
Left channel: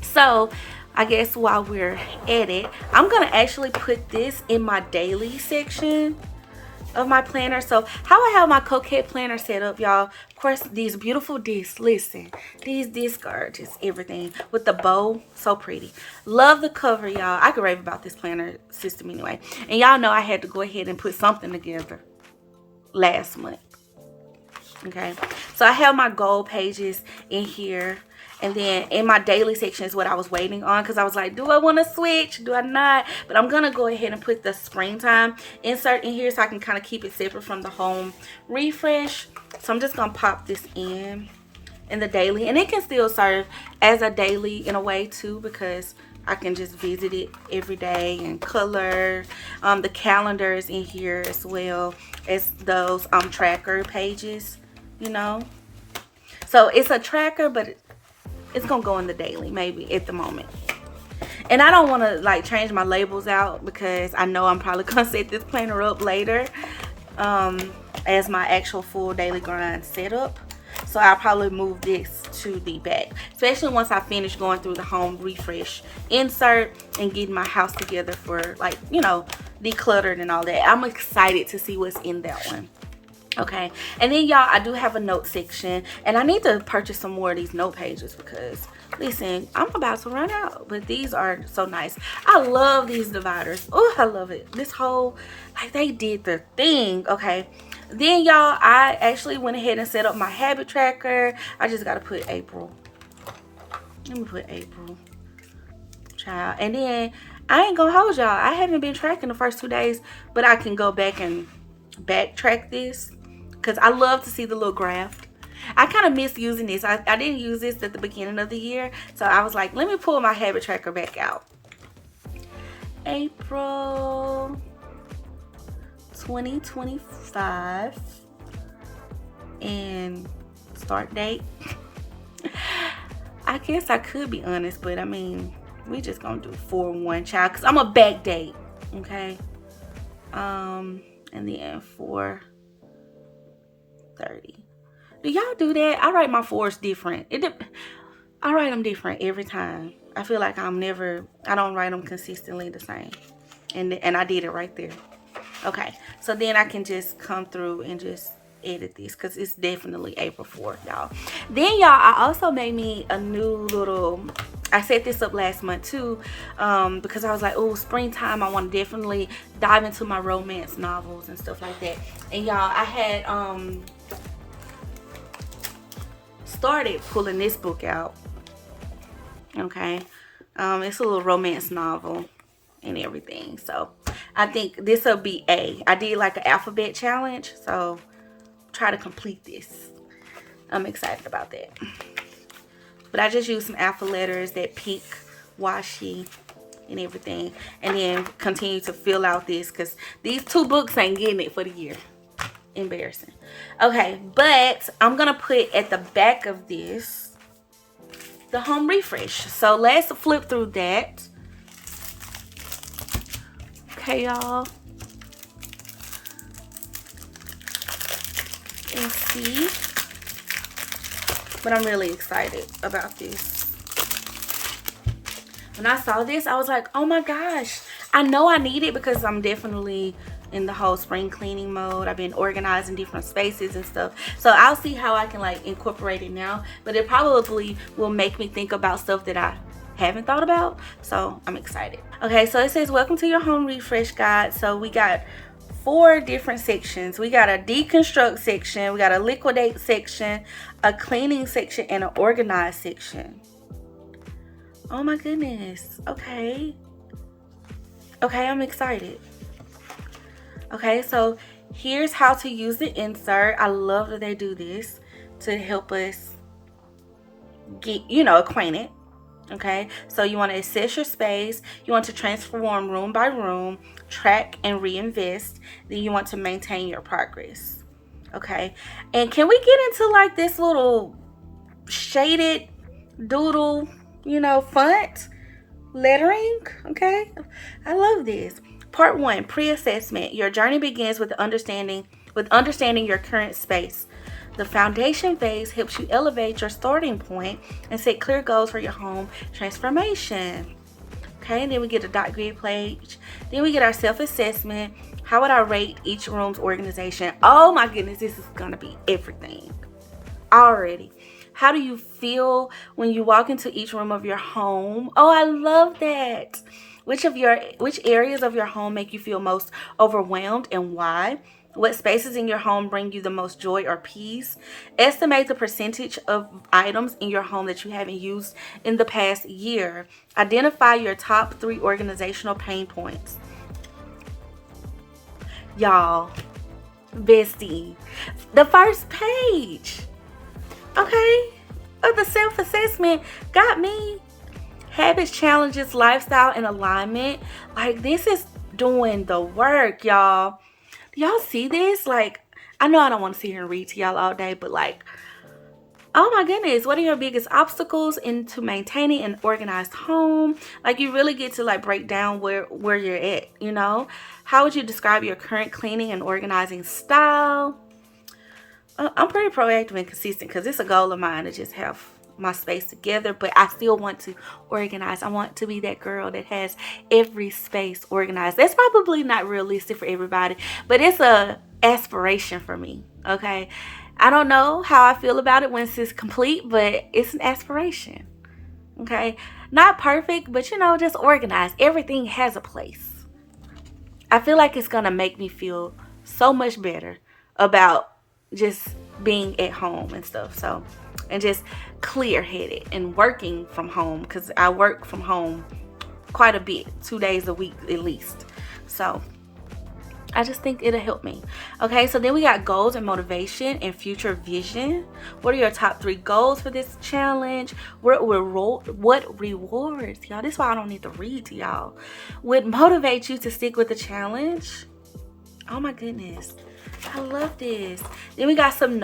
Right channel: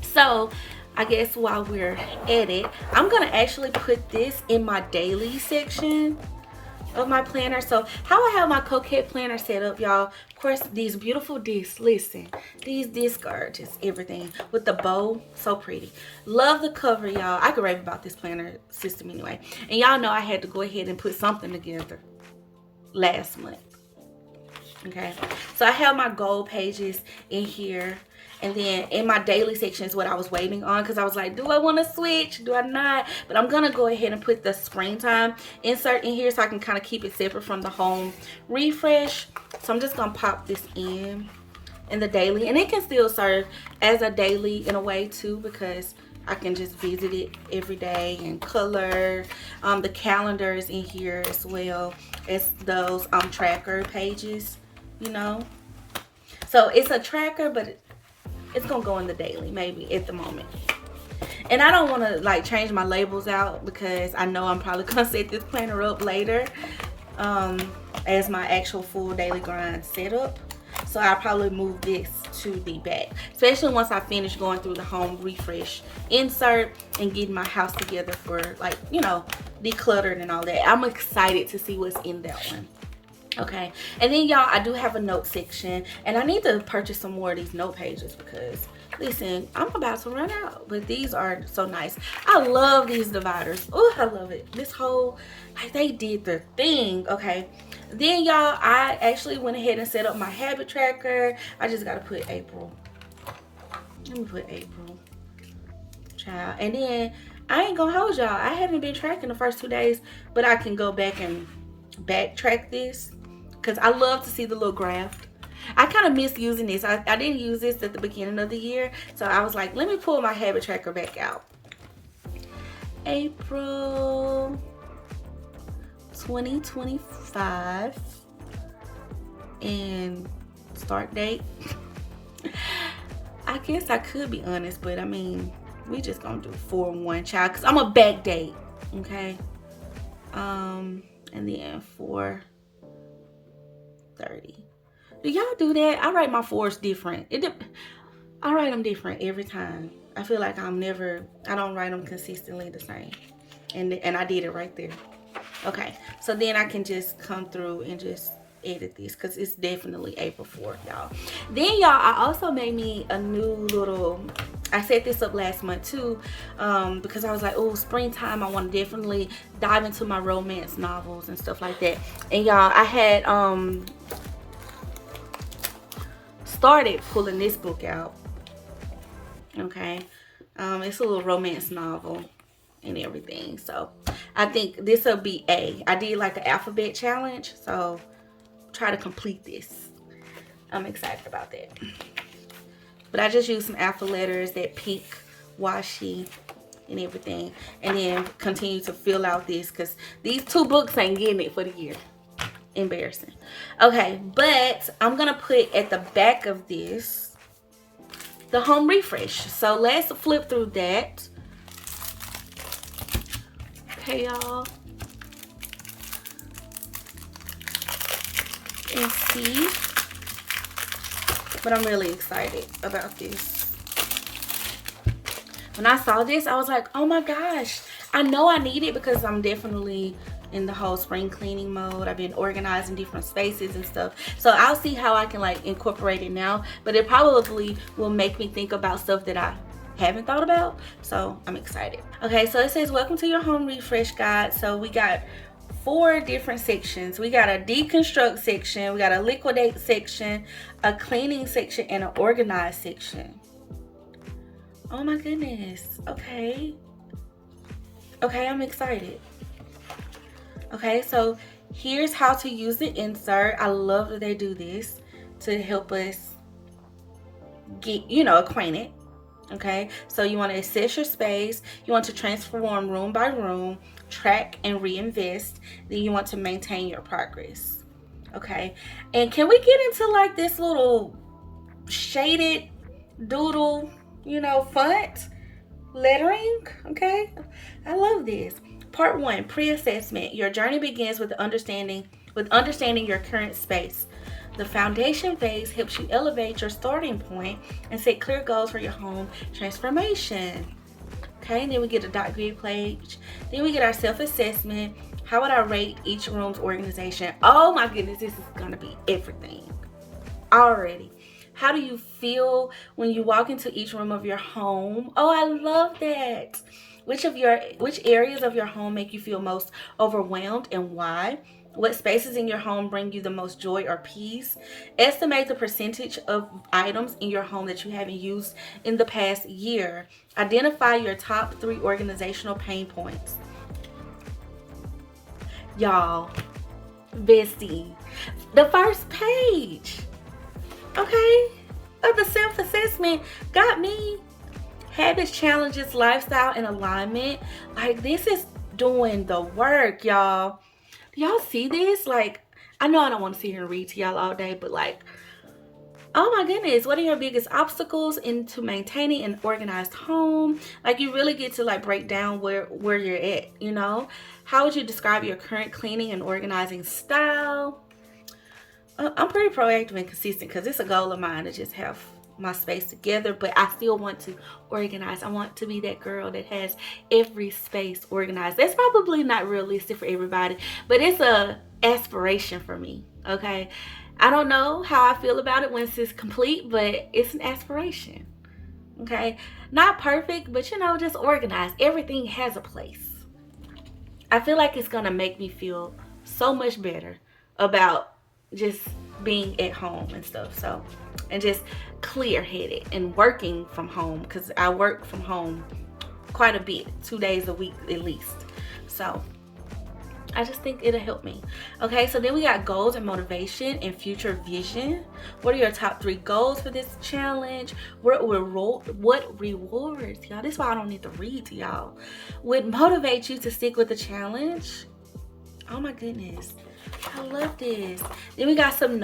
So, I guess while we're at it, I'm going to actually put this in my daily section of my planner. So, how I have my Coquette planner set up, y'all. Of course, these beautiful discs. Listen, these discs are just everything. With the bow, so pretty. Love the cover, y'all. I could rave about this planner system anyway. And y'all know I had to go ahead and put something together last month. Okay, so I have my goal pages in here, and then in my daily section is what I was waiting on, because I was like, do I want to switch, do I not? But I'm gonna go ahead and put the springtime insert in here so I can kind of keep it separate from the home refresh. So I'm just gonna pop this in the daily, and it can still serve as a daily in a way too, because I can just visit it every day and color. The calendar is in here as well as those tracker pages, you know. So it's a tracker, but it's gonna go in the daily maybe at the moment. And I don't want to like change my labels out, because I know I'm probably gonna set this planner up later as my actual full daily grind setup. So I'll probably move this to the back, especially once I finish going through the home refresh insert and getting my house together for, like, you know, decluttered and all that. I'm excited to see what's in that one. Okay, and then y'all, I do have a note section, and I need to purchase some more of these note pages, because listen, I'm about to run out, but these are so nice. I love these dividers. Oh, I love it. This whole, like, they did their thing. Okay, then y'all, I actually went ahead and set up my habit tracker. I just gotta put April. Let me put April, child. And then I ain't gonna hold y'all, I haven't been tracking the first 2 days, but I can go back and backtrack this, because I love to see the little graph. I kind of miss using this. I didn't use this at the beginning of the year, so I was like, let me pull my habit tracker back out. April 2025 and start date. I guess I could be honest, but I mean, we just gonna do 4/1, child, because I'm a back date. Okay, and then 4/30. Do y'all do that? I write my 4s different. I write them different every time. I feel like I don't write them consistently the same. And I did it right there. Okay, so then I can just come through and just edit this, because it's definitely April 4th, y'all. Then y'all, I also made me a new little, I set this up last month too, because I was like, oh, springtime, I want to definitely dive into my romance novels and stuff like that. And y'all, I had started pulling this book out. Okay, it's a little romance novel and everything, so I think this will be I did like an alphabet challenge, so try to complete this. I'm excited about that. But I just used some alpha letters, that pink washi and everything, and then continue to fill out this, because these 2 books ain't getting it for the year. Embarrassing. Okay, but I'm gonna put at the back of this the home refresh. So let's flip through that. Okay, y'all. And see. But I'm really excited about this. When I saw this, I was like, oh my gosh. I know I need it, because I'm definitely in the whole spring cleaning mode. I've been organizing different spaces and stuff. So I'll see how I can like incorporate it now. But it probably will make me think about stuff that I haven't thought about. So I'm excited. Okay, so it says, welcome to your home refresh guide. So we got 4 different sections. We got a deconstruct section, we got a liquidate section, a cleaning section, and an organize section. Oh my goodness. Okay, I'm excited. Okay, so Here's how to use the insert. I love that they do this to help us get, acquainted. Okay, so you want to assess your space, you want to transform room by room, track and reinvest, then you want to maintain your progress. Okay, and can we get into like this little shaded doodle, font lettering? Okay, I love this. Part 1, pre-assessment. Your journey begins with understanding your current space. The foundation phase helps you elevate your starting point and set clear goals for your home transformation. Okay, and then we get a dot grid page. Then we get our self-assessment. How would I rate each room's organization? Oh my goodness, this is gonna be everything already. How do you feel when you walk into each room of your home? Oh, I love that. Which areas of your home make you feel most overwhelmed and why? What spaces in your home bring you the most joy or peace? Estimate the percentage of items in your home that you haven't used in the past year. Identify your top 3 organizational pain points. Y'all, bestie, the first page, okay, of the self-assessment got me. Habits, challenges, lifestyle, and alignment. Like, this is doing the work, y'all. Do y'all see this? Like, I know I don't want to sit here and read to y'all all day, but like, oh my goodness, what are your biggest obstacles into maintaining an organized home? Like, you really get to like break down where you're at, How would you describe your current cleaning and organizing style? I'm pretty proactive and consistent because it's a goal of mine to just have my space together, but I still want to organize. I want to be that girl that has every space organized. That's probably not realistic for everybody, but it's a aspiration for me. Okay, I don't know how I feel about it once it's complete, but it's an aspiration. Okay, not perfect, but just organized. Everything has a place. I feel like it's gonna make me feel so much better about just being at home and stuff. So, and just clear-headed and working from home, because I work from home quite a bit, 2 days a week at least. So I just think it'll help me. Okay, so then we got goals and motivation and future vision. What are your top 3 goals for this challenge? What rewards, y'all? This is why I don't need to read to y'all. Would motivate you to stick with the challenge? Oh my goodness, I love this. Then we got some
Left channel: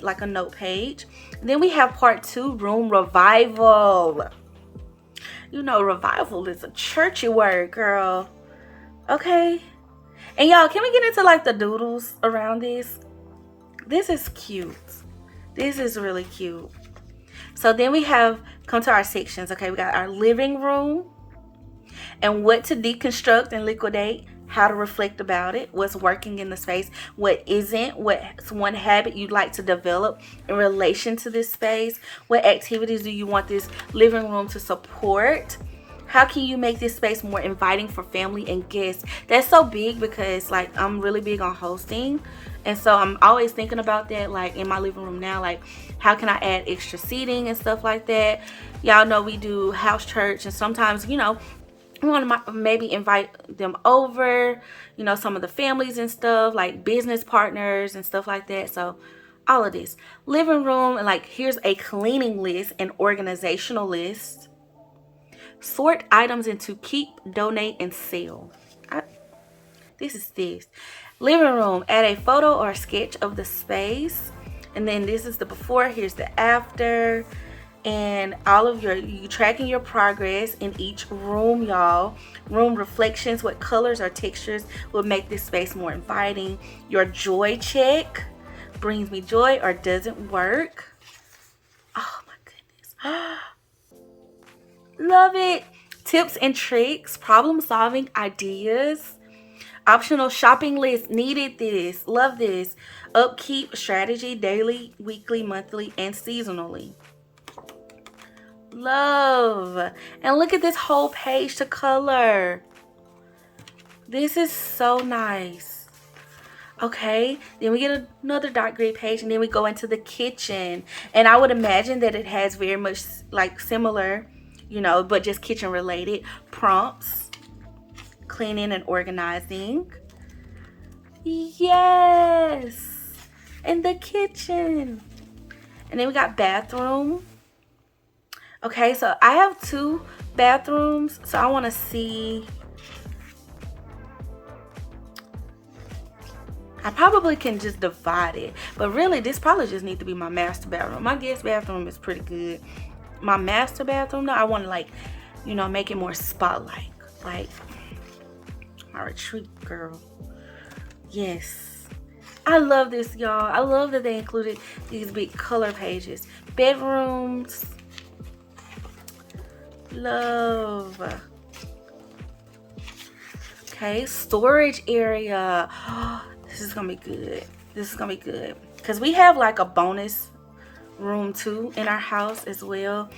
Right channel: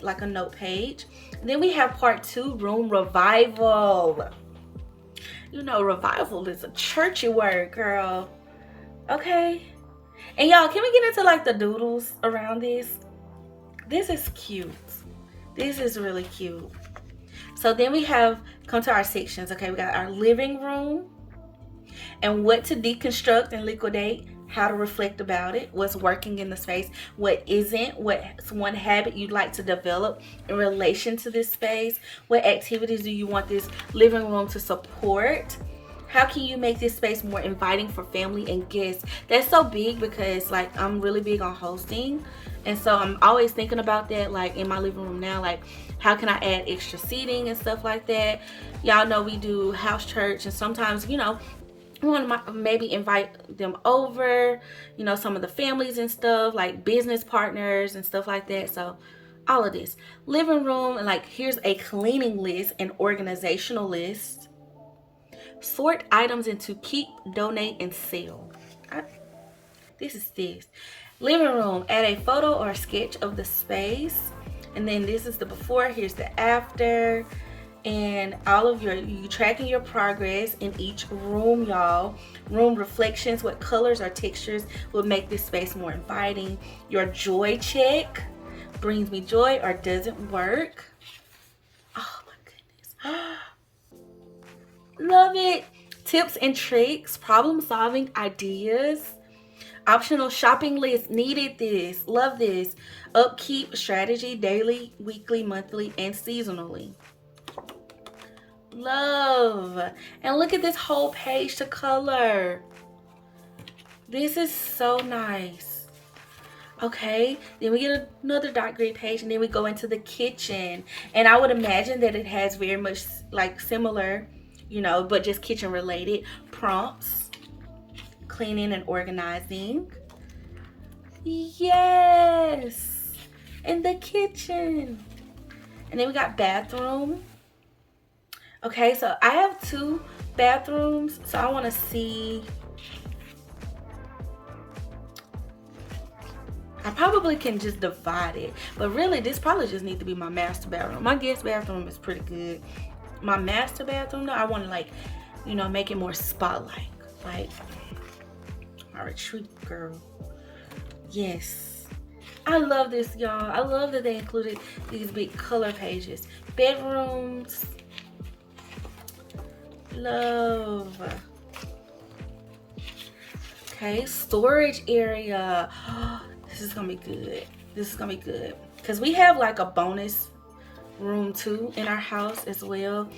like a note page. And then we have part 2, room revival. Revival is a churchy word, girl. Okay. And y'all, can we get into like the doodles around this? This is cute. This is really cute. So then we come to our sections. Okay, we got our living room and what to deconstruct and liquidate, how to reflect about it, what's working in the space, what isn't, what's one habit you'd like to develop in relation to this space, what activities do you want this living room to support, how can you make this space more inviting for family and guests. That's so big because like I'm really big on hosting, and so I'm always thinking about that, like in my living room now, like how can I add extra seating and stuff like that. Y'all know we do house church, and sometimes we want to maybe invite them over, some of the families and stuff, like business partners and stuff like that. So all of this living room, and like here's a cleaning list and organizational list. Sort items into keep, donate, and sell. This living room, add a photo or a sketch of the space, and then this is the before, here's the after, and all of you tracking your progress in each room, y'all. Room reflections, what colors or textures will make this space more inviting. Your joy check, brings me joy or doesn't work. Oh my goodness. Love it. Tips and tricks, problem solving ideas, optional shopping list, needed this, love this. Upkeep strategy, daily, weekly, monthly, and seasonally. Love. And look at this whole page to color. This is so nice. Okay, then we get another dot grid page, and then we go into the kitchen, and I would imagine that it has very much like similar, but just kitchen related prompts, cleaning and organizing. Yes. In the kitchen. And then we got bathroom. Okay, so I have 2 bathrooms, so I want to see. I probably can just divide it, but really this probably just needs to be my master bathroom. My guest bathroom is pretty good. My master bathroom though, I want to, like, you know, make it more spotlight, like my retreat girl. Yes, I love this, y'all. I love that they included these big color pages. Bedrooms, love. Okay, storage area. This is gonna be good. This is gonna be good because we have like a bonus room too in our house as well.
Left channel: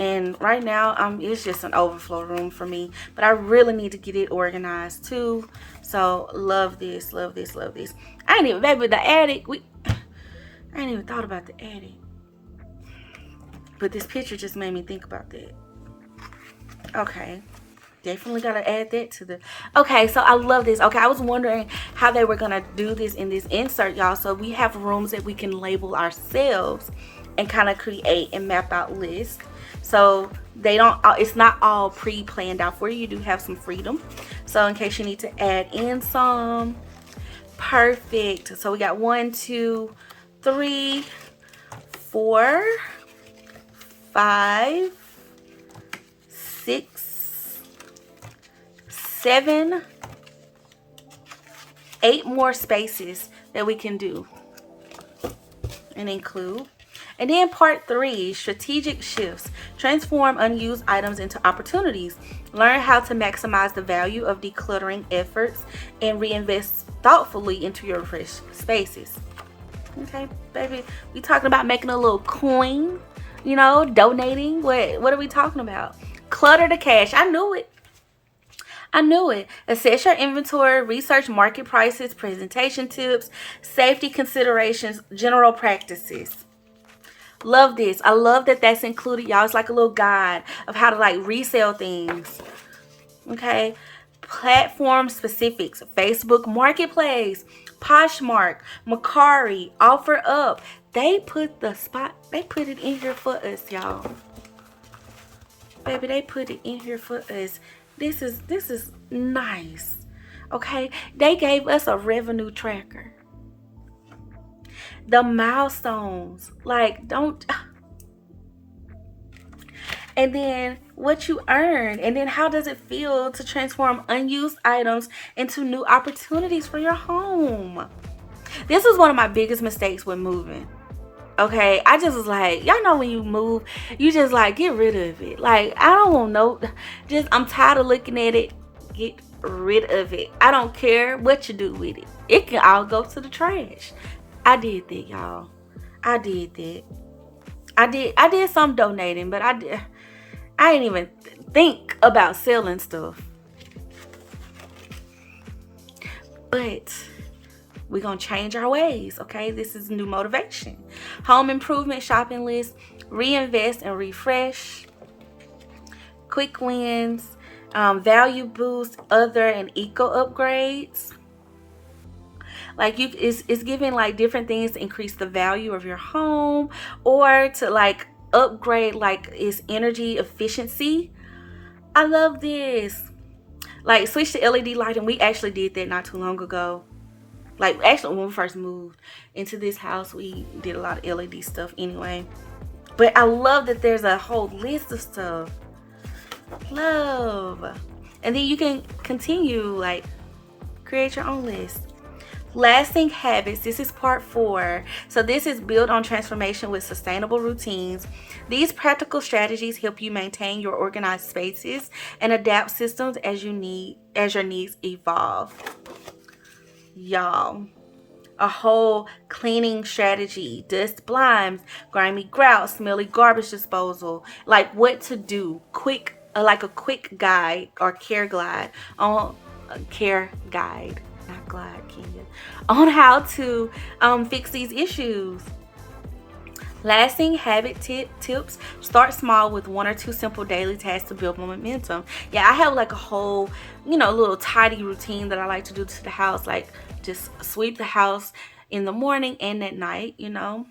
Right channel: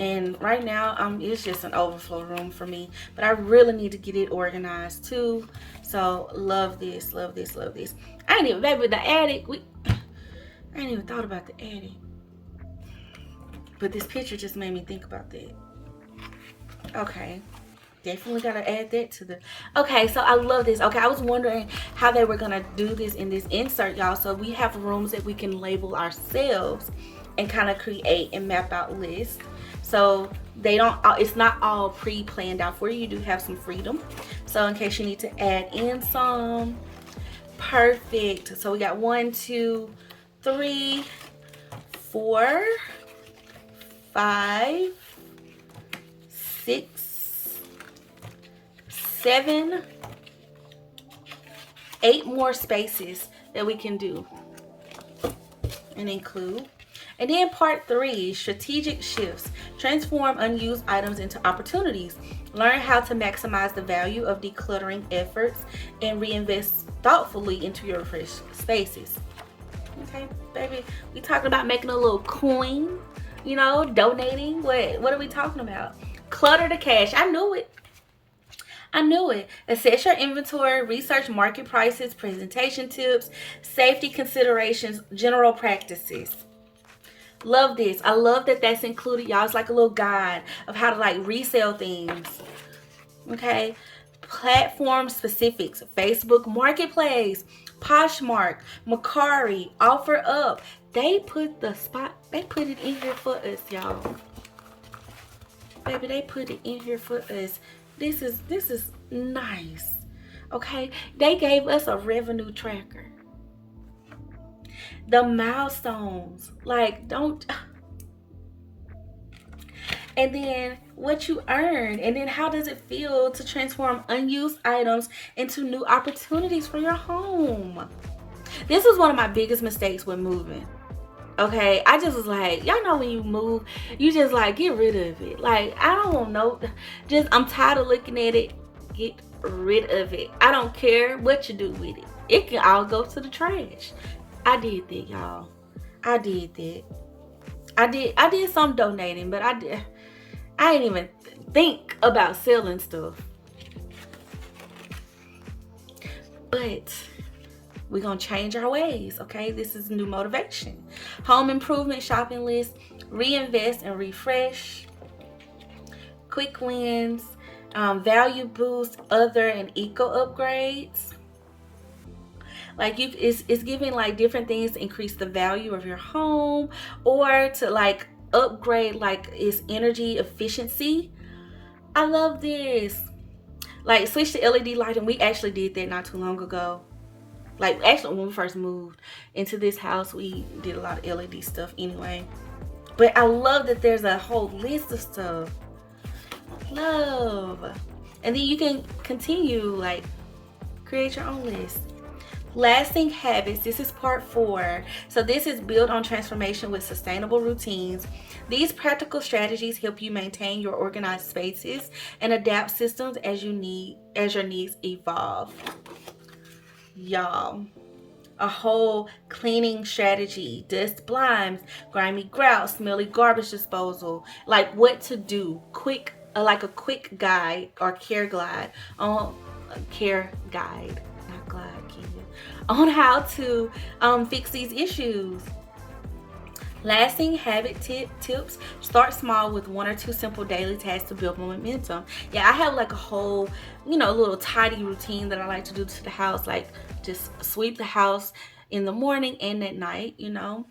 And right now, it's just an overflow room for me. But I really need to get it organized too. So love this, love this, love this. I ain't even, baby, the attic. I ain't even thought about the attic. But this picture just made me think about that. Okay. Definitely gotta add that to the. Okay, so I love this. Okay, I was wondering how they were gonna do this in this insert, y'all. So we have rooms that we can label ourselves and kind of create and map out lists. So they don't, it's not all pre-planned out for you. You do have some freedom. So in case you need to add in some, perfect. So we got 1, 2, 3, 4, 5, 6, 7, 8 more spaces that we can do and include. And then part 3, strategic shifts. Transform unused items into opportunities. Learn how to maximize the value of decluttering efforts and reinvest thoughtfully into your fresh spaces. Okay, baby, we talking about making a little coin, you know, donating. What are we talking about? Clutter to cash. I knew it. I knew it. Assess your inventory, research market prices, presentation tips, safety considerations, general practices. Love this. I love that that's included, y'all. It's like a little guide of how to like resell things. Okay. Platform specifics. Facebook Marketplace, Poshmark, Mercari, OfferUp. They put it in here for us, y'all. Baby, they put it in here for us. This is nice. Okay. They gave us a revenue tracker. The milestones, like, don't, and then what you earn, and then how does it feel to transform unused items into new opportunities for your home. This was one of my biggest mistakes with moving. Okay, I just was like, y'all know when you move, you just like get rid of it. Like, I don't want no, just, I'm tired of looking at it. Get rid of it. I don't care what you do with it. It can all go to the trash. I did that, y'all. I did that. I did some donating, but I didn't even think about selling stuff. But we're gonna change our ways, okay? This is new motivation. Home improvement shopping list, reinvest and refresh, quick wins, value boost, other and eco upgrades. Like, it's giving like different things to increase the value of your home, or to like upgrade like its energy efficiency. I love this. Like, switch to LED lighting. We actually did that not too long ago. Like, actually when we first moved into this house, we did a lot of LED stuff anyway. But I love that there's a whole list of stuff. Love. And then you can continue, like, create your own list. Lasting habits. This is part 4. So this is build on transformation with sustainable routines. These practical strategies help you maintain your organized spaces and adapt systems as your needs evolve. Y'all, a whole cleaning strategy, dust blinds, grimy grout, smelly garbage disposal, like what to do, quick, like a quick guide or care guide on on how to fix these issues. Lasting habit tips. Start small with 1 or 2 simple daily tasks to build momentum. Yeah, I have like a whole, little tidy routine that I like to do to the house, like just sweep the house in the morning and at night, you know,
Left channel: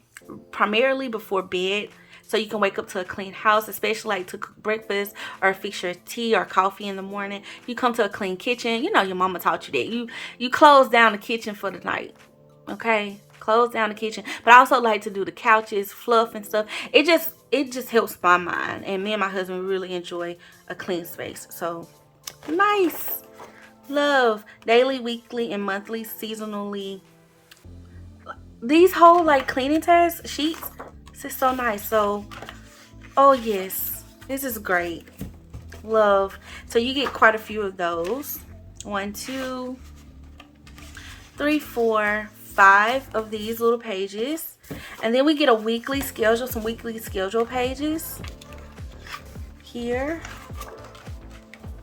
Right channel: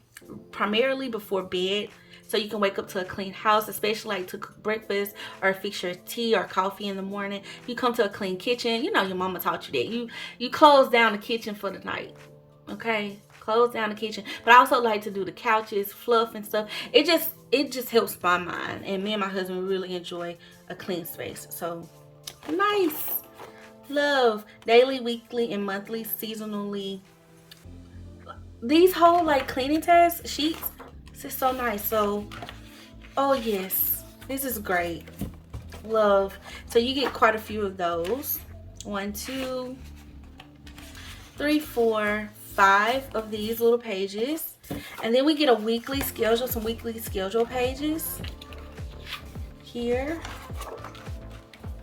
primarily before bed. So you can wake up to a clean house, especially like to cook breakfast or fix your tea or coffee in the morning. You come to a clean kitchen. You know your mama taught you that. You close down the kitchen for the night. Okay? Close down the kitchen. But I also like to do the couches, fluff and stuff. It just helps my mind. And me and my husband really enjoy a clean space. So nice. Love. Daily, weekly, and monthly, seasonally. These whole like cleaning task sheets, this is so nice. So, oh yes, this is great. Love. So you get quite a few of those. 1, 2, 3, 4, 5 of these little pages. And then we get a weekly schedule, some weekly schedule pages here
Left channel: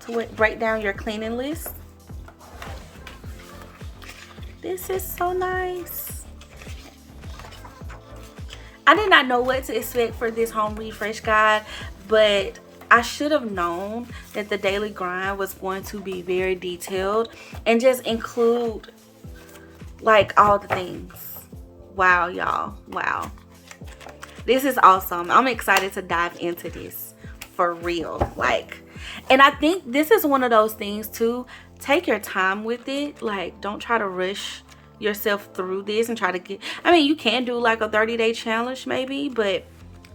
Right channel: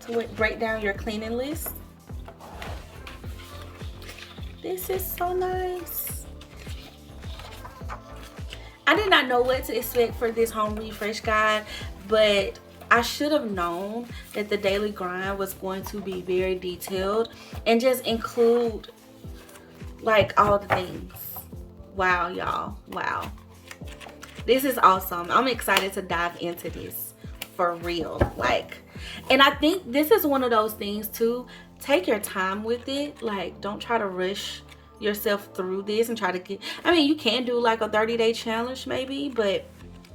to break down your cleaning list. This is so nice. I did not know what to expect for this home refresh guide, but I should have known that the daily grind was going to be very detailed and just include like all the things. Wow, y'all. Wow. This is awesome. I'm excited to dive into this for real. Like, and I think this is one of those things too. Take your time with it. Like, don't try to rush yourself through this and try to get, I mean, you can do like a 30-day challenge maybe, but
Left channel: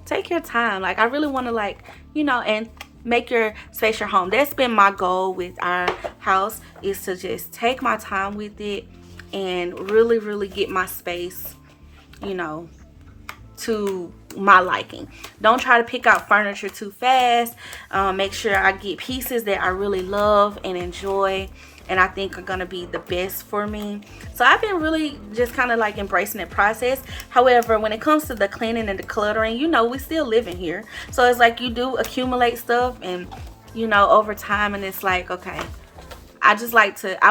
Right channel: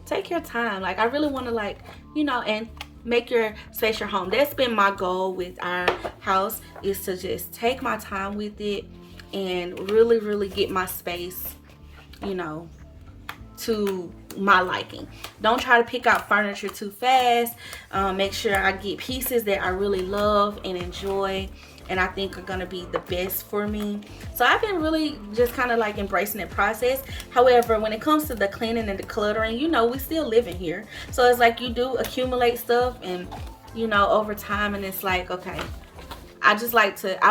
take your time. Like, I really want to, like, you know, and make your space your home. That's been my goal with our house, is to just take my time with it and really get my space, you know, to my liking. Don't try to pick out furniture too fast. Make sure I get pieces that I really love and enjoy and I think are gonna be the best for me. So I've been really just kind of like embracing that process. However, when it comes to the cleaning and decluttering, you know, we still living here. So it's like you do accumulate stuff and, you know, over time, and it's like, okay, I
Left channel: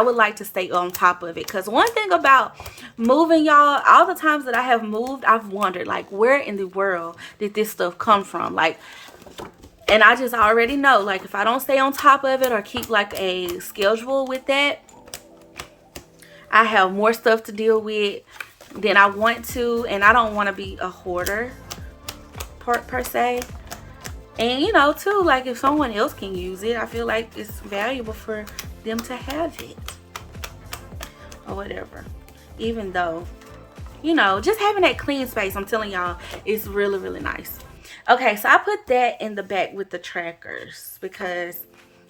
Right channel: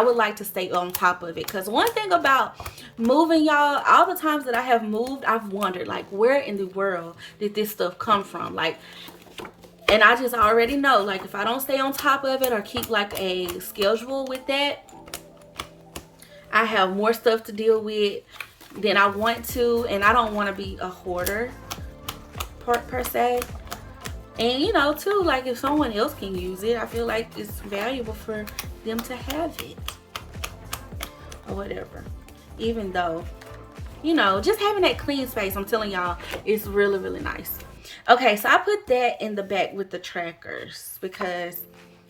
would like to stay on top of it. Because one thing about moving, y'all, all the times that I have moved, I've wondered, like, where in the world did this stuff come from? Like, and I just already know, like, if I don't stay on top of it or keep like a schedule with that, I have more stuff to deal with than I want to. And I don't want to be a hoarder per se. And, you know, too, like, if someone else can use it, I feel like it's valuable for them to have it or whatever. Even though, you know, just having that clean space, I'm telling y'all, is really nice. Okay, so I put that in the back with the trackers because,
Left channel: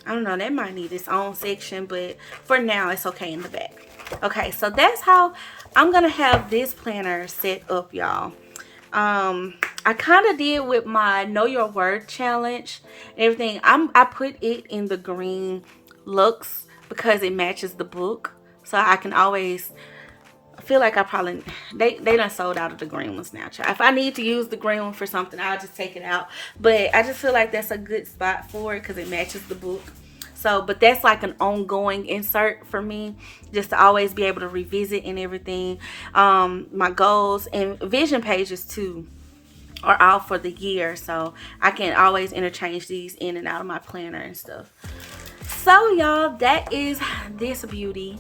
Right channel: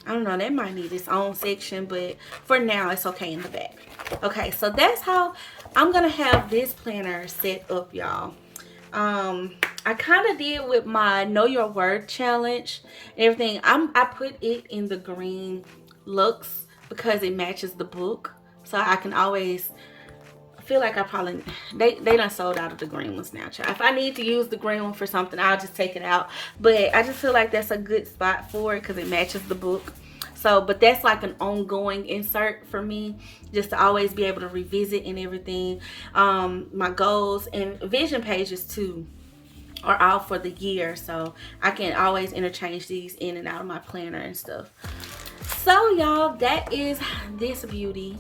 I don't know, that might need its own section, but for now, it's okay in the back. Okay, so that's how I'm going to have this planner set up, y'all. I kind of did with my Know Your Word challenge and everything. I put it in the green Lux because it matches the book. So I can always, I feel like I probably, they done sold out of the green ones now. If I need to use the green one for something, I'll just take it out. But I just feel like that's a good spot for it because it matches the book. So, but that's like an ongoing insert for me, just to always be able to revisit and everything. My goals and vision pages too are all for the year, so I can always interchange these in and out of my planner and stuff. So y'all, that is this beauty.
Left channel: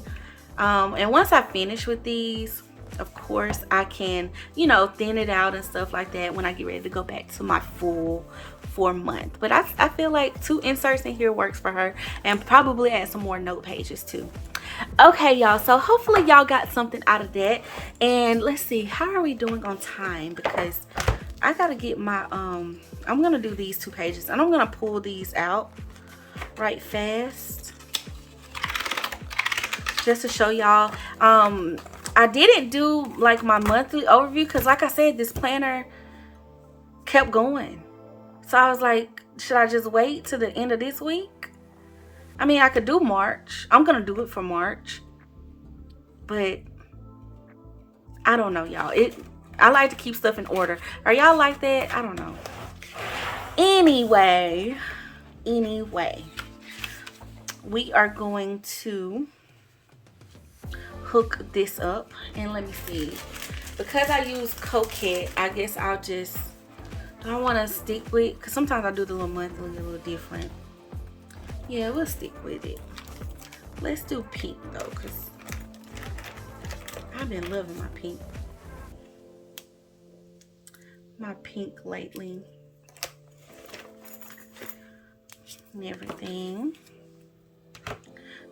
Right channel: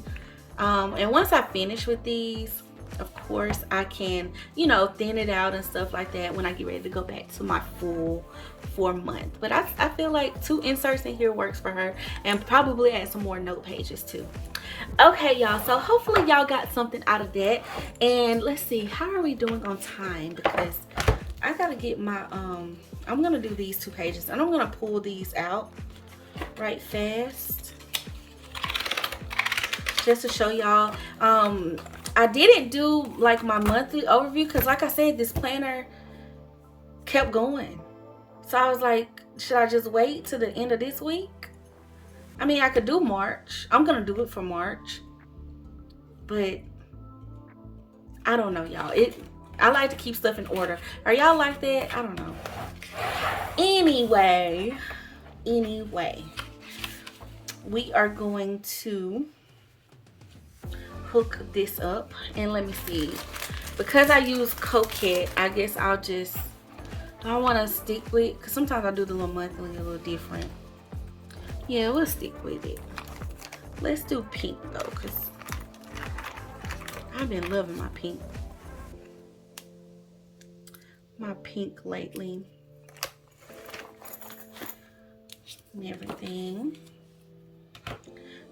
And once I finish with these, of course, I can, you know, thin it out and stuff like that when I get ready to go back to my full 4-month. But I feel like 2 inserts in here works for her, and probably add some more note pages too. Okay, y'all, so hopefully y'all got something out of that. And let's see, how are we doing on time? Because I gotta get my I'm gonna do these 2 pages and I'm gonna pull these out right fast just to show y'all. I didn't do like my monthly overview because, like I said, this planner kept going. So I was like, should I just wait to the end of this week? I mean, I could do March. I'm gonna do it for March, but I don't know, y'all. I like to keep stuff in order. Are y'all like that? I don't know. Anyway, we are going to hook this up, and let me see. Because I use Coquette, I guess I'll just, do I want to stick with, because sometimes I do the little monthly a little different. Yeah, we'll stick with it. Let's do pink though, because I've been loving my pink. My pink lately. And everything.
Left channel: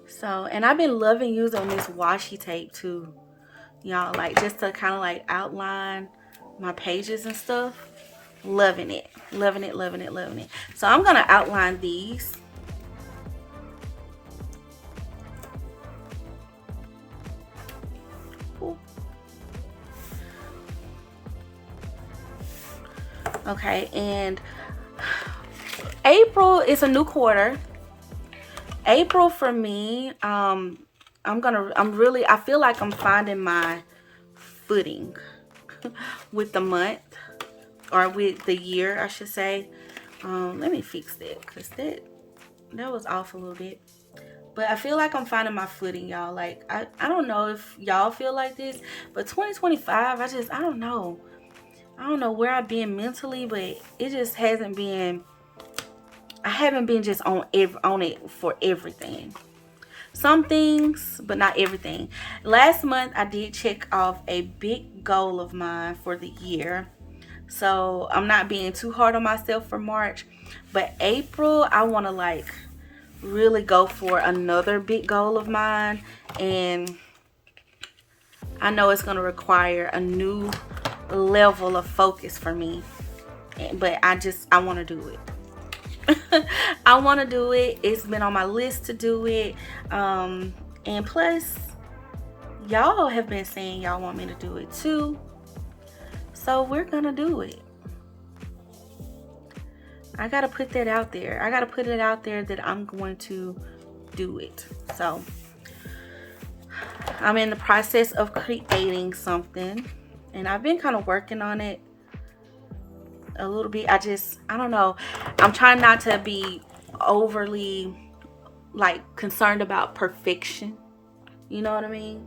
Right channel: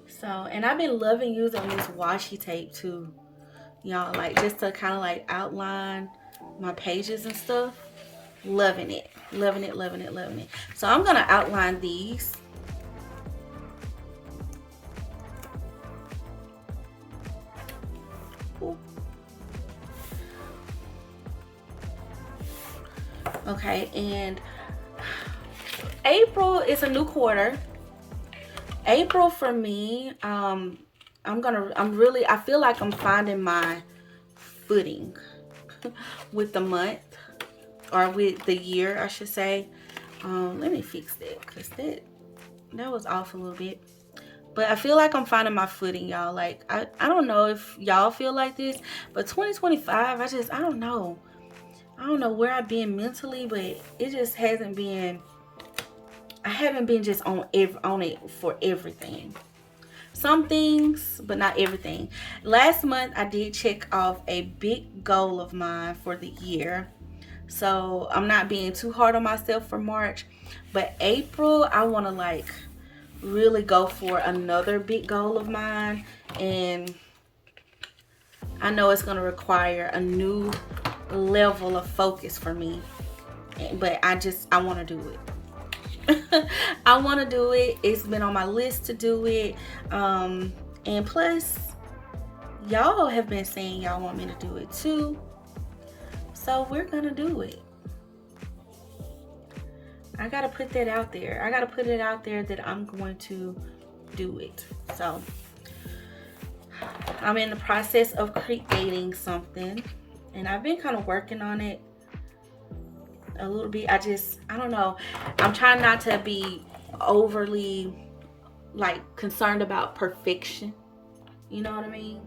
So, and I've been loving using this washi tape too. Y'all, like just to kind of like outline my pages and stuff. Loving it. Loving it, loving it, loving it. So I'm going to outline these. Ooh. Okay, and April is a new quarter. April for me, I feel like I'm finding my footing with the month, or with the year, I should say. Let me fix that, because that was off a little bit. But I feel like I'm finding my footing, y'all. Like, I don't know if y'all feel like this, but 2025, I don't know. I don't know where I've been mentally, but it just hasn't been, I haven't been just on it for everything. Some things, but not everything. Last month, I did check off a big goal of mine for the year. So I'm not being too hard on myself for March. But April, I want to like really go for another big goal of mine. And I know it's going to require a new level of focus for me. But I want to do it. I want to do it. It's been on my list to do it. And plus, y'all have been saying y'all want me to do it too. So we're going to do it. I got to put that out there. I got to put it out there that I'm going to do it. So I'm in the process of creating something. And I've been kind of working on it a little bit. I don't know. I'm trying not to be overly like concerned about perfection. You know what I mean?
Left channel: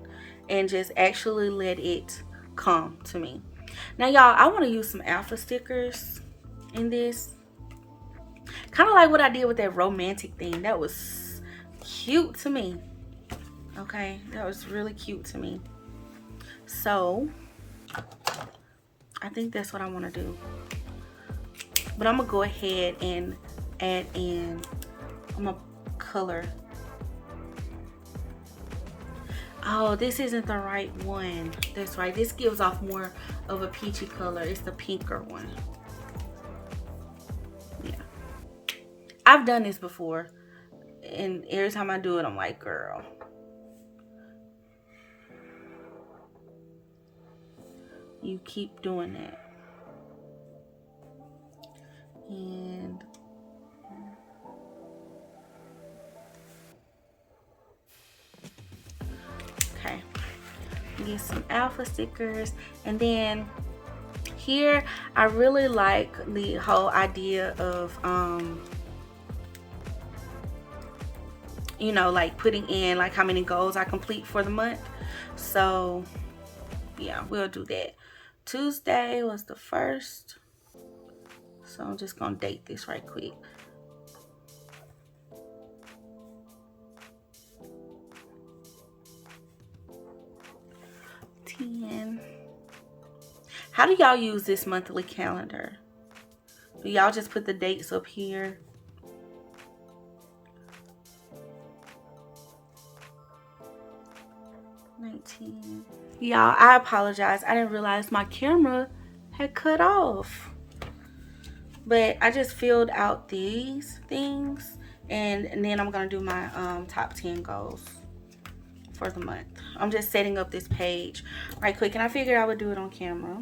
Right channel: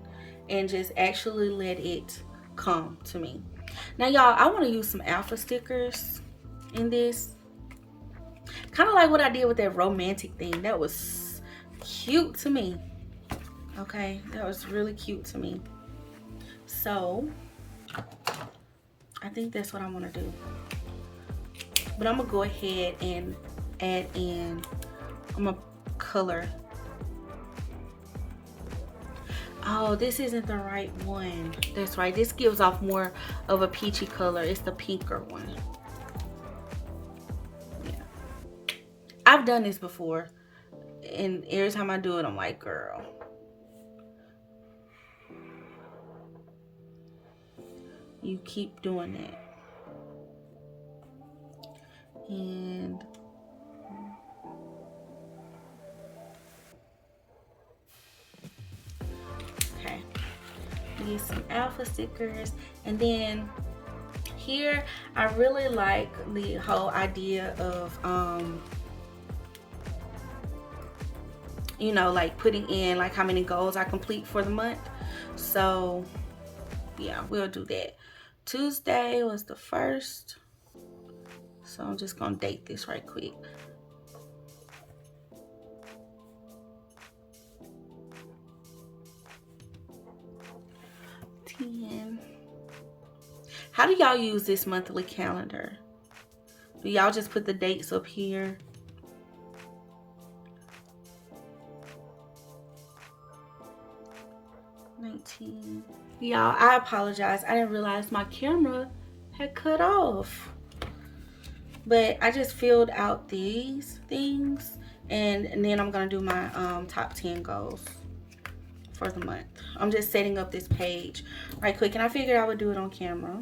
And just actually let it come to me. Now, y'all, I want to use some alpha stickers in this. Kind of like what I did with that romantic thing. That was cute to me. Okay, that was really cute to me. So I think that's what I want to do. But I'm going to go ahead and add in, I'm going to color. Oh, this isn't the right one. That's right. This gives off more of a peachy color. It's the pinker one. Yeah. I've done this before. And every time I do it, I'm like, girl. You keep doing that. And okay, use some alpha stickers. And then here I really like the whole idea of you know, like putting in like how many goals I complete for the month. So yeah, we'll do that. Tuesday was the 1st. So I'm just gonna date this right quick. How do y'all use this monthly calendar? Do y'all just put the dates up here? Y'all, I apologize. I didn't realize my camera had cut off. But I just filled out these things. And then I'm going to do my top 10 goals for the month. I'm just setting up this page right quick. And I figured I would do it on camera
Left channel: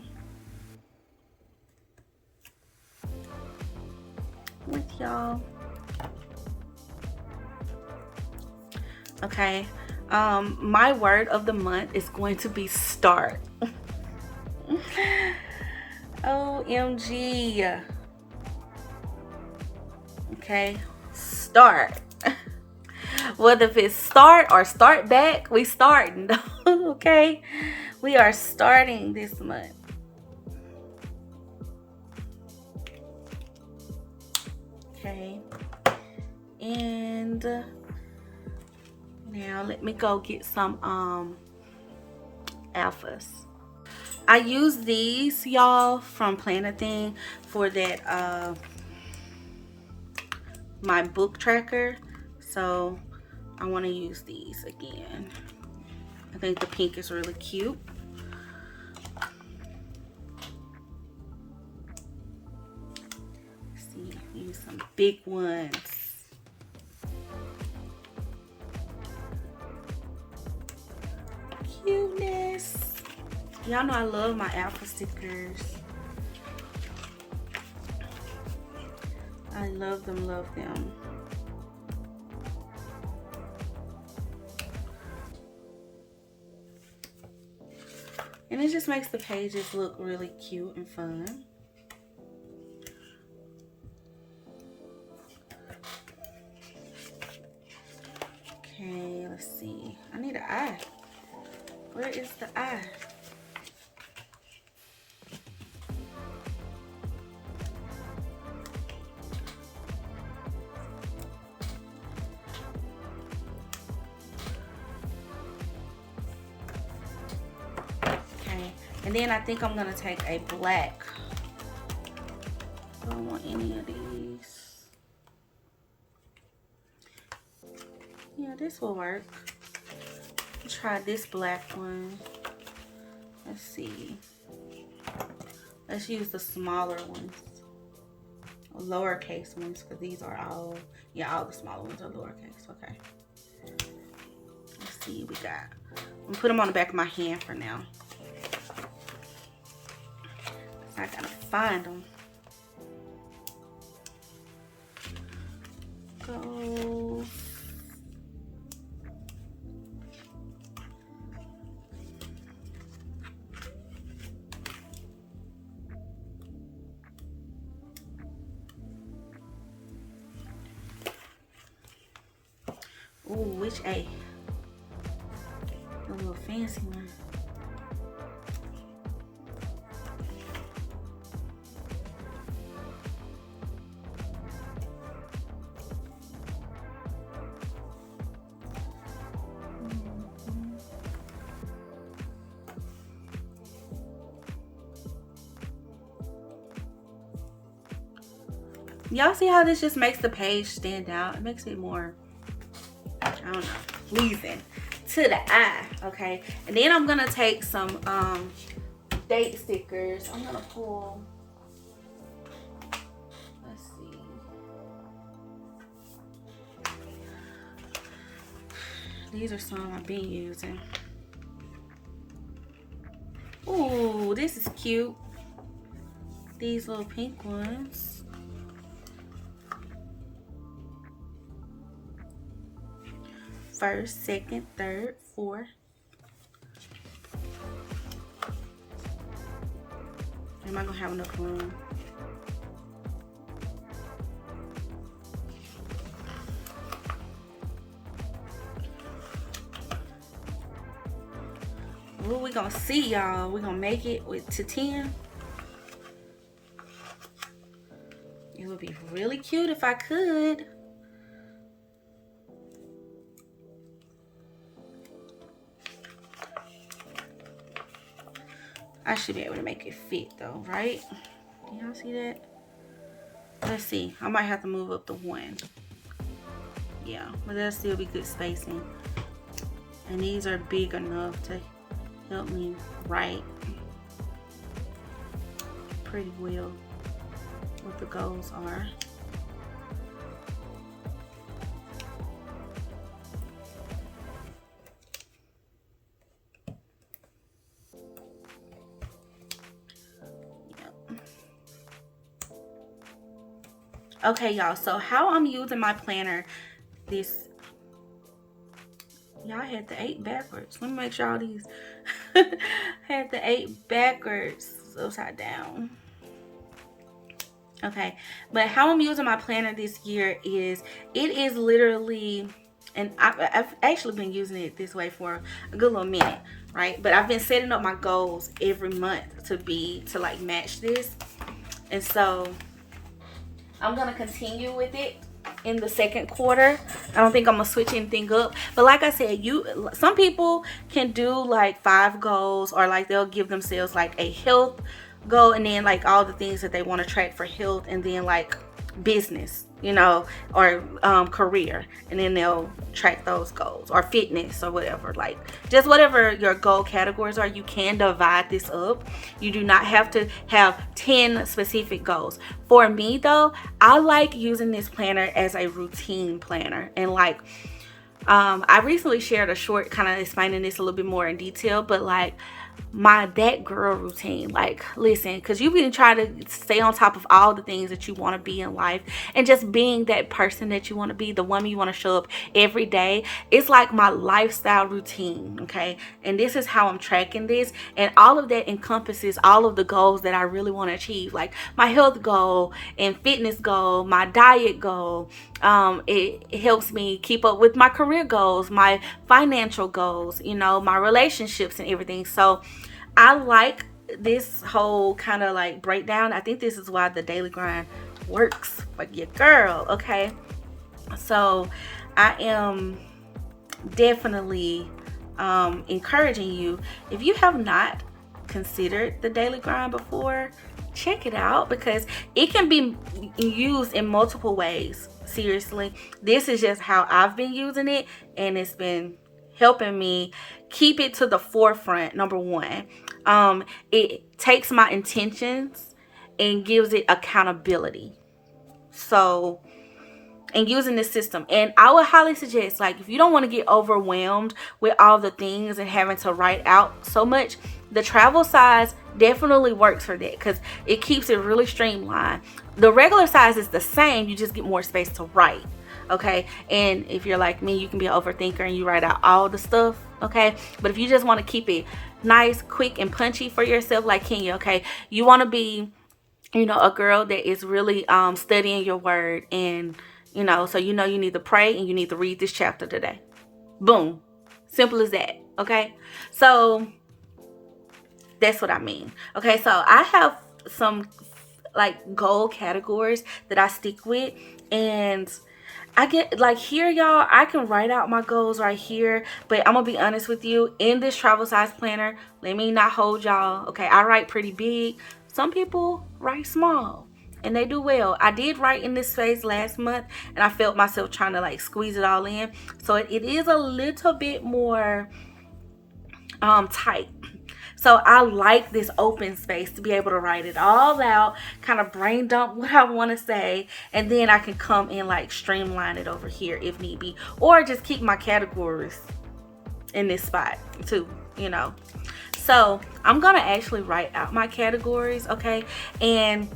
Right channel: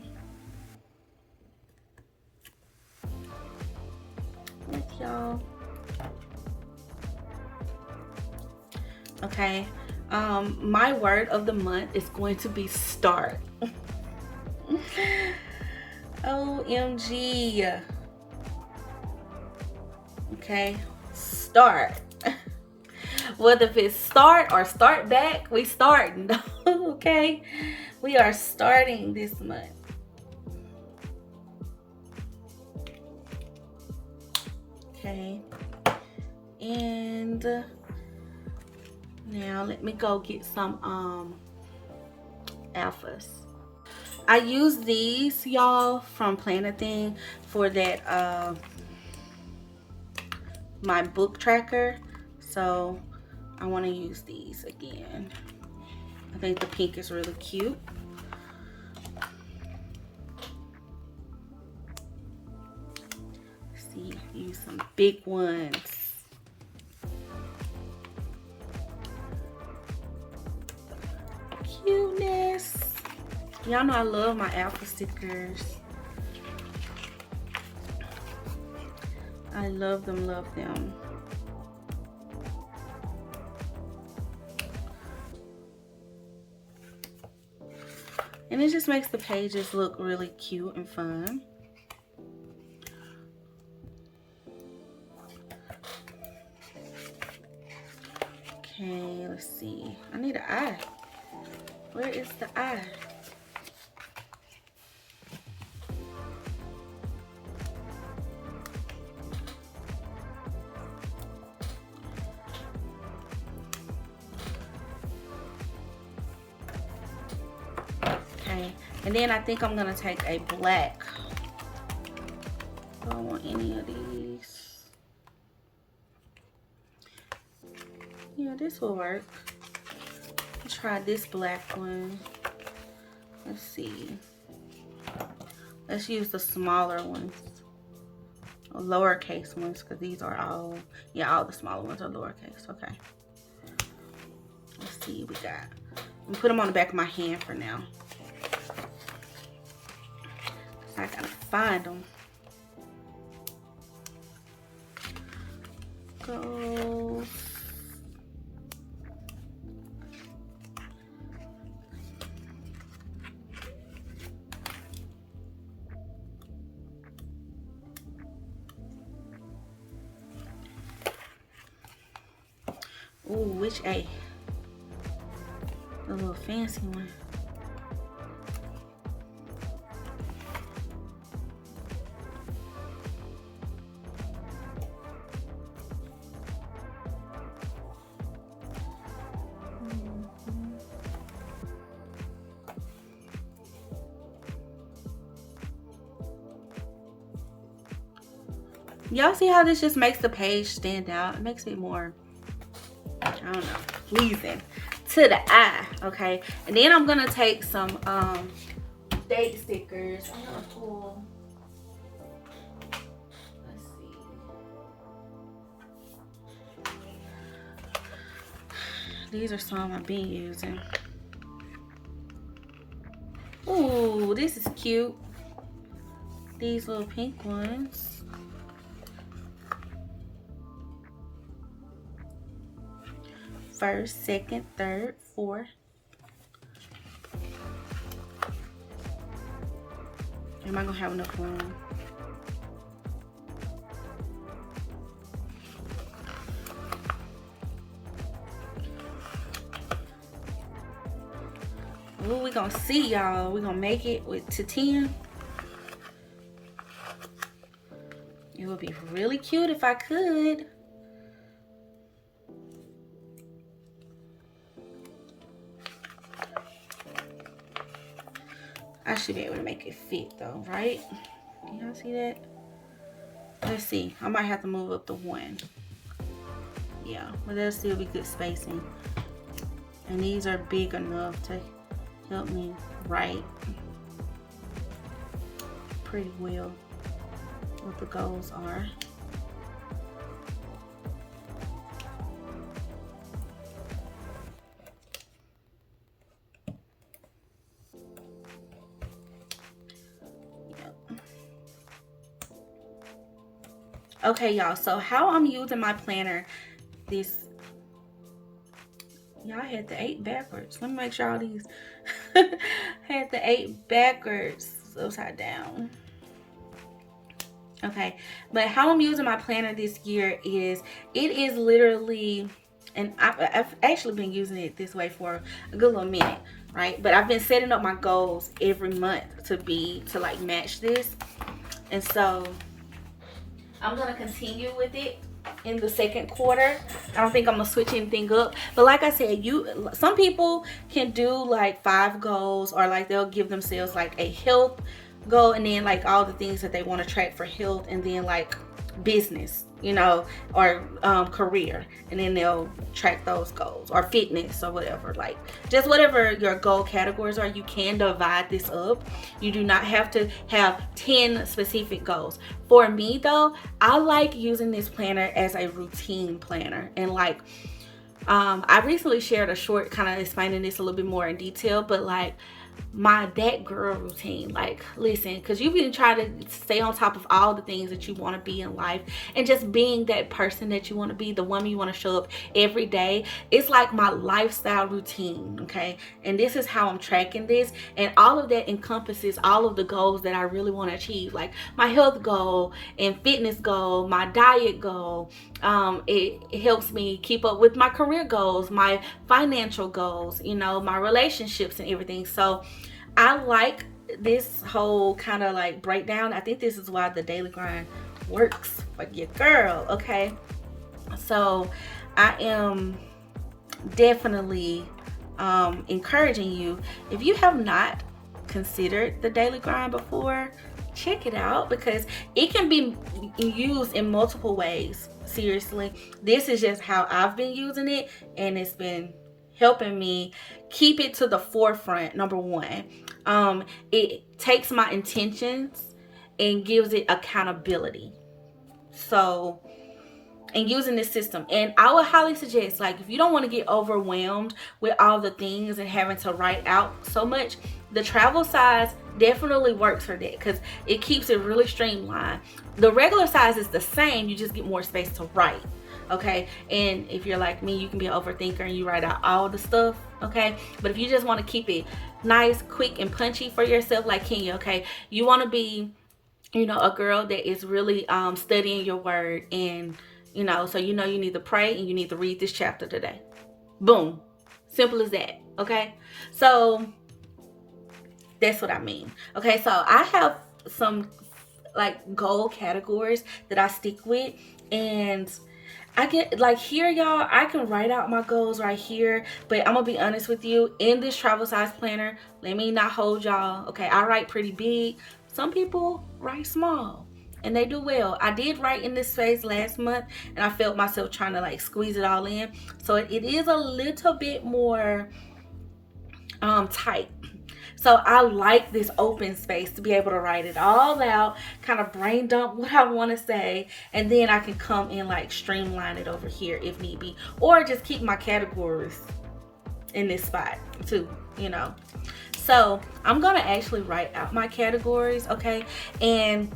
with y'all. Okay. My word of the month is going to be start. OMG. Okay, start. Whether if it's start or start back, we starting. Okay, we are starting this month. Okay, and now let me go get some alphas. I use these, y'all, from Planet Thing for that my book tracker. So I want to use these again. I think the pink is really cute. Let's see, use some big ones. Cuteness. Y'all know I love my alpha stickers. I love them, love them. And it just makes the pages look really cute and fun. Okay, let's see. I need an eye. Where is the eye? Okay, and then I think I'm gonna take a black. I don't want any of these. Yeah, this will work. Let's try this black one. Let's see. Let's use the smaller ones, or lowercase ones, because these are all, yeah, all the smaller ones are lowercase. Okay. Let's see what we got. I'm gonna put them on the back of my hand for now. I gotta find them. Go. Ooh, which A? The little fancy one. Y'all see how this just makes the page stand out? It makes it more, I don't know, pleasing to the eye. Okay, and then I'm gonna take some date stickers. I'm gonna pull, let's see, these are some I've been using. Ooh, this is cute. These little pink ones. First, second, third, fourth. Am I gonna have enough room? Ooh, we gonna see, y'all. We gonna make it to 10. It would be really cute if I could. I should be able to make it fit though, right? Do y'all see that? Let's see. I might have to move up to 1. Yeah, but that'll still be good spacing. And these are big enough to help me write pretty well what the goals are. Okay, y'all, so how I'm using my planner this, y'all had the 8 backwards. Let me make sure all these had the 8 backwards, upside down. Okay, but how I'm using my planner this year is, it is literally, and I've actually been using it this way for a good little minute, right? But I've been setting up my goals every month to like match this. And so I'm gonna continue with it in the second quarter. I don't think I'm gonna switch anything up. But like I said, some people can do like 5 goals, or like they'll give themselves like a health goal, and then like all the things that they want to track for health, and then like business, you know, or career, and then they'll track those goals, or fitness, or whatever. Like just whatever your goal categories are, you can divide this up. You do not have to have 10 specific goals. For me though, I like using this planner as a routine planner. And like I recently shared a short kind of explaining this a little bit more in detail, but like that girl routine, like listen, because you've been trying to stay on top of all the things that you want to be in life, and just being that person that you want to be, the woman you want to show up every day. It's like my lifestyle routine, okay? And this is how I'm tracking this, and all of that encompasses all of the goals that I really want to achieve, like my health goal and fitness goal, my diet goal. It helps me keep up with my career goals, my financial goals, you know, my relationships and everything. So I like this whole kind of like breakdown. I think this is why the daily grind works for your girl, okay? So I am definitely encouraging you, if you have not considered the daily grind before, check it out, because it can be used in multiple ways. Seriously, this is just how I've been using it, and it's been helping me keep it to the forefront. Number one, it takes my intentions and gives it accountability. So, and using this system, and I would highly suggest, like, if you don't want to get overwhelmed with all the things and having to write out so much, the travel size definitely works for that, because it keeps it really streamlined. The regular size is the same, you just get more space to write, okay? And if you're like me, you can be an overthinker and you write out all the stuff, okay? But if you just want to keep it nice, quick, and punchy for yourself, like Kenya, okay? You want to be, you know, a girl that is really studying your word, and you know, so you know you need to pray and you need to read this chapter today. Boom. Simple as that, okay? So that's what I mean. Okay, so I have some like goal categories that I stick with, and I get like here, y'all, I can write out my goals right here, but I'm gonna be honest with you, in this travel size planner, let me not hold y'all, okay? I write pretty big. Some people write small, and they do well. I did write in this space last month, and I felt myself trying to like squeeze it all in, so it is a little bit more tight. So I like this open space to be able to write it all out, kind of brain dump what I want to say, and then I can come in like streamline it over here if need be, or just keep my categories in this spot too, you know. So I'm gonna actually write out my categories, okay? And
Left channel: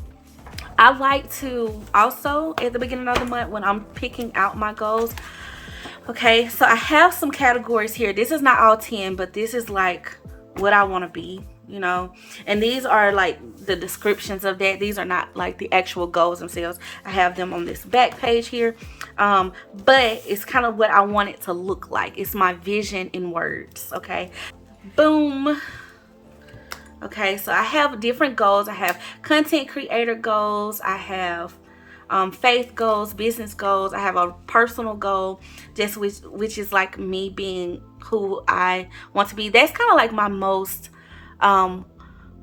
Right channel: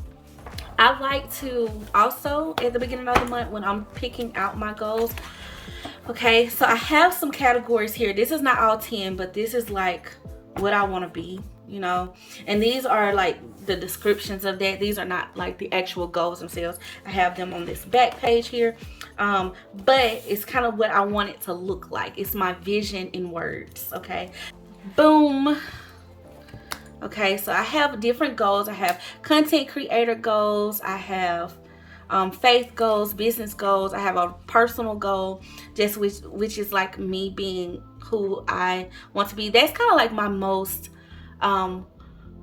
I like to also, at the beginning of the month when I'm picking out my goals, okay, so I have some categories here. This is not all 10, but this is like what I want to be, you know, and these are like the descriptions of that. These are not like the actual goals themselves. I have them on this back page here, but it's kind of what I want it to look like. It's my vision in words, okay? Boom. Okay, so I have different goals. I have content creator goals, I have faith goals, business goals, I have a personal goal, just which is like me being who I want to be. That's kind of like my most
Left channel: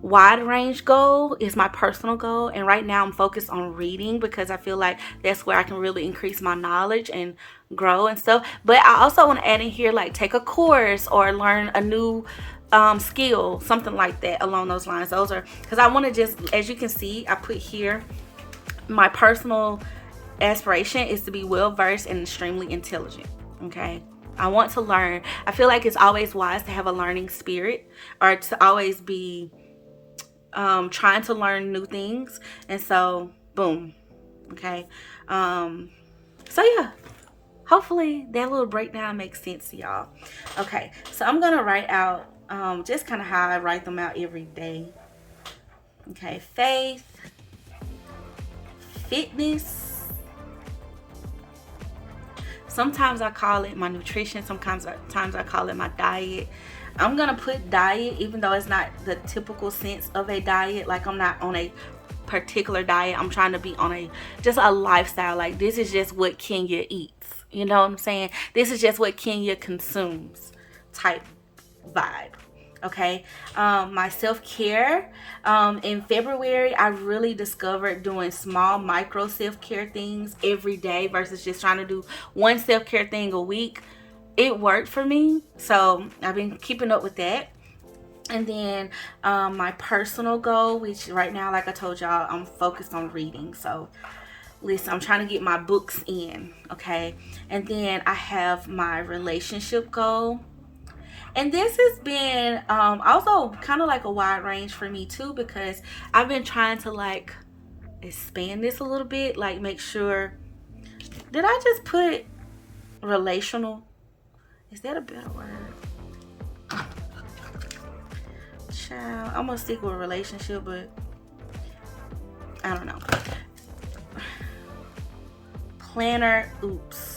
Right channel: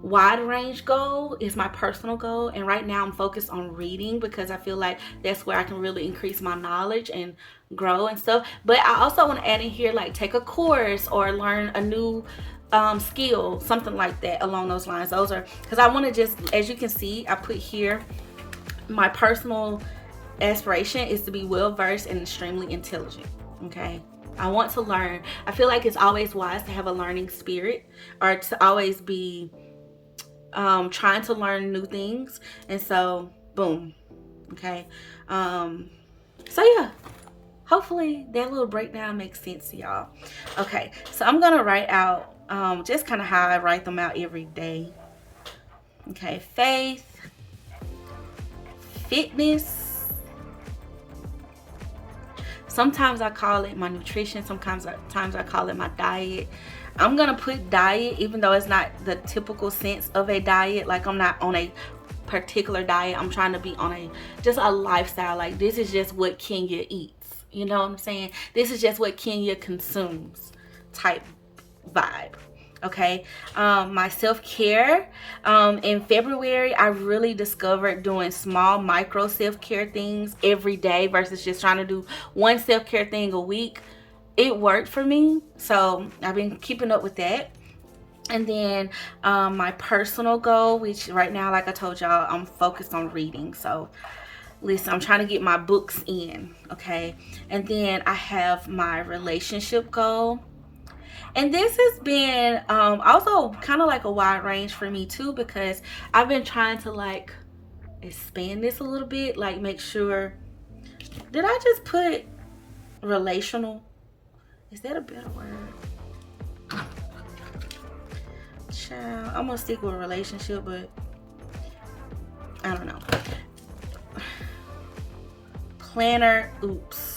wide range goal, is my personal goal. And right now I'm focused on reading, because I feel like that's where I can really increase my knowledge and grow and stuff. But I also want to add in here like take a course or learn a new skill, something like that along those lines. Those are, because I want to just, as you can see, I put here my personal aspiration is to be well versed and extremely intelligent, okay? I want to learn. I feel like it's always wise to have a learning spirit, or to always be trying to learn new things. And so boom, okay? So yeah, hopefully that little breakdown makes sense to y'all. Okay, so I'm gonna write out just kind of how I write them out every day. Okay, faith, fitness, sometimes I call it my nutrition, sometimes I call it my diet. I'm gonna put diet, even though it's not the typical sense of a diet. Like I'm not on a particular diet. I'm trying to be on a lifestyle. Like, this is just what Kenya eats. You know what I'm saying? This is just what Kenya consumes type vibe. Okay. My self-care, in February, I really discovered doing small micro self-care things every day versus just trying to do one self-care thing a week. It worked for me, so I've been keeping up with that. And then my personal goal, which right now, like I told y'all, I'm focused on reading. So listen, I'm trying to get my books in. Okay. And then I have my relationship goal. And this has been also kind of like a wide range for me too, because I've been trying to like expand this a little bit, like make sure, did I just put relational? Is that a better word? Child, I'm gonna stick with relationship, but I don't know. Planner, oops.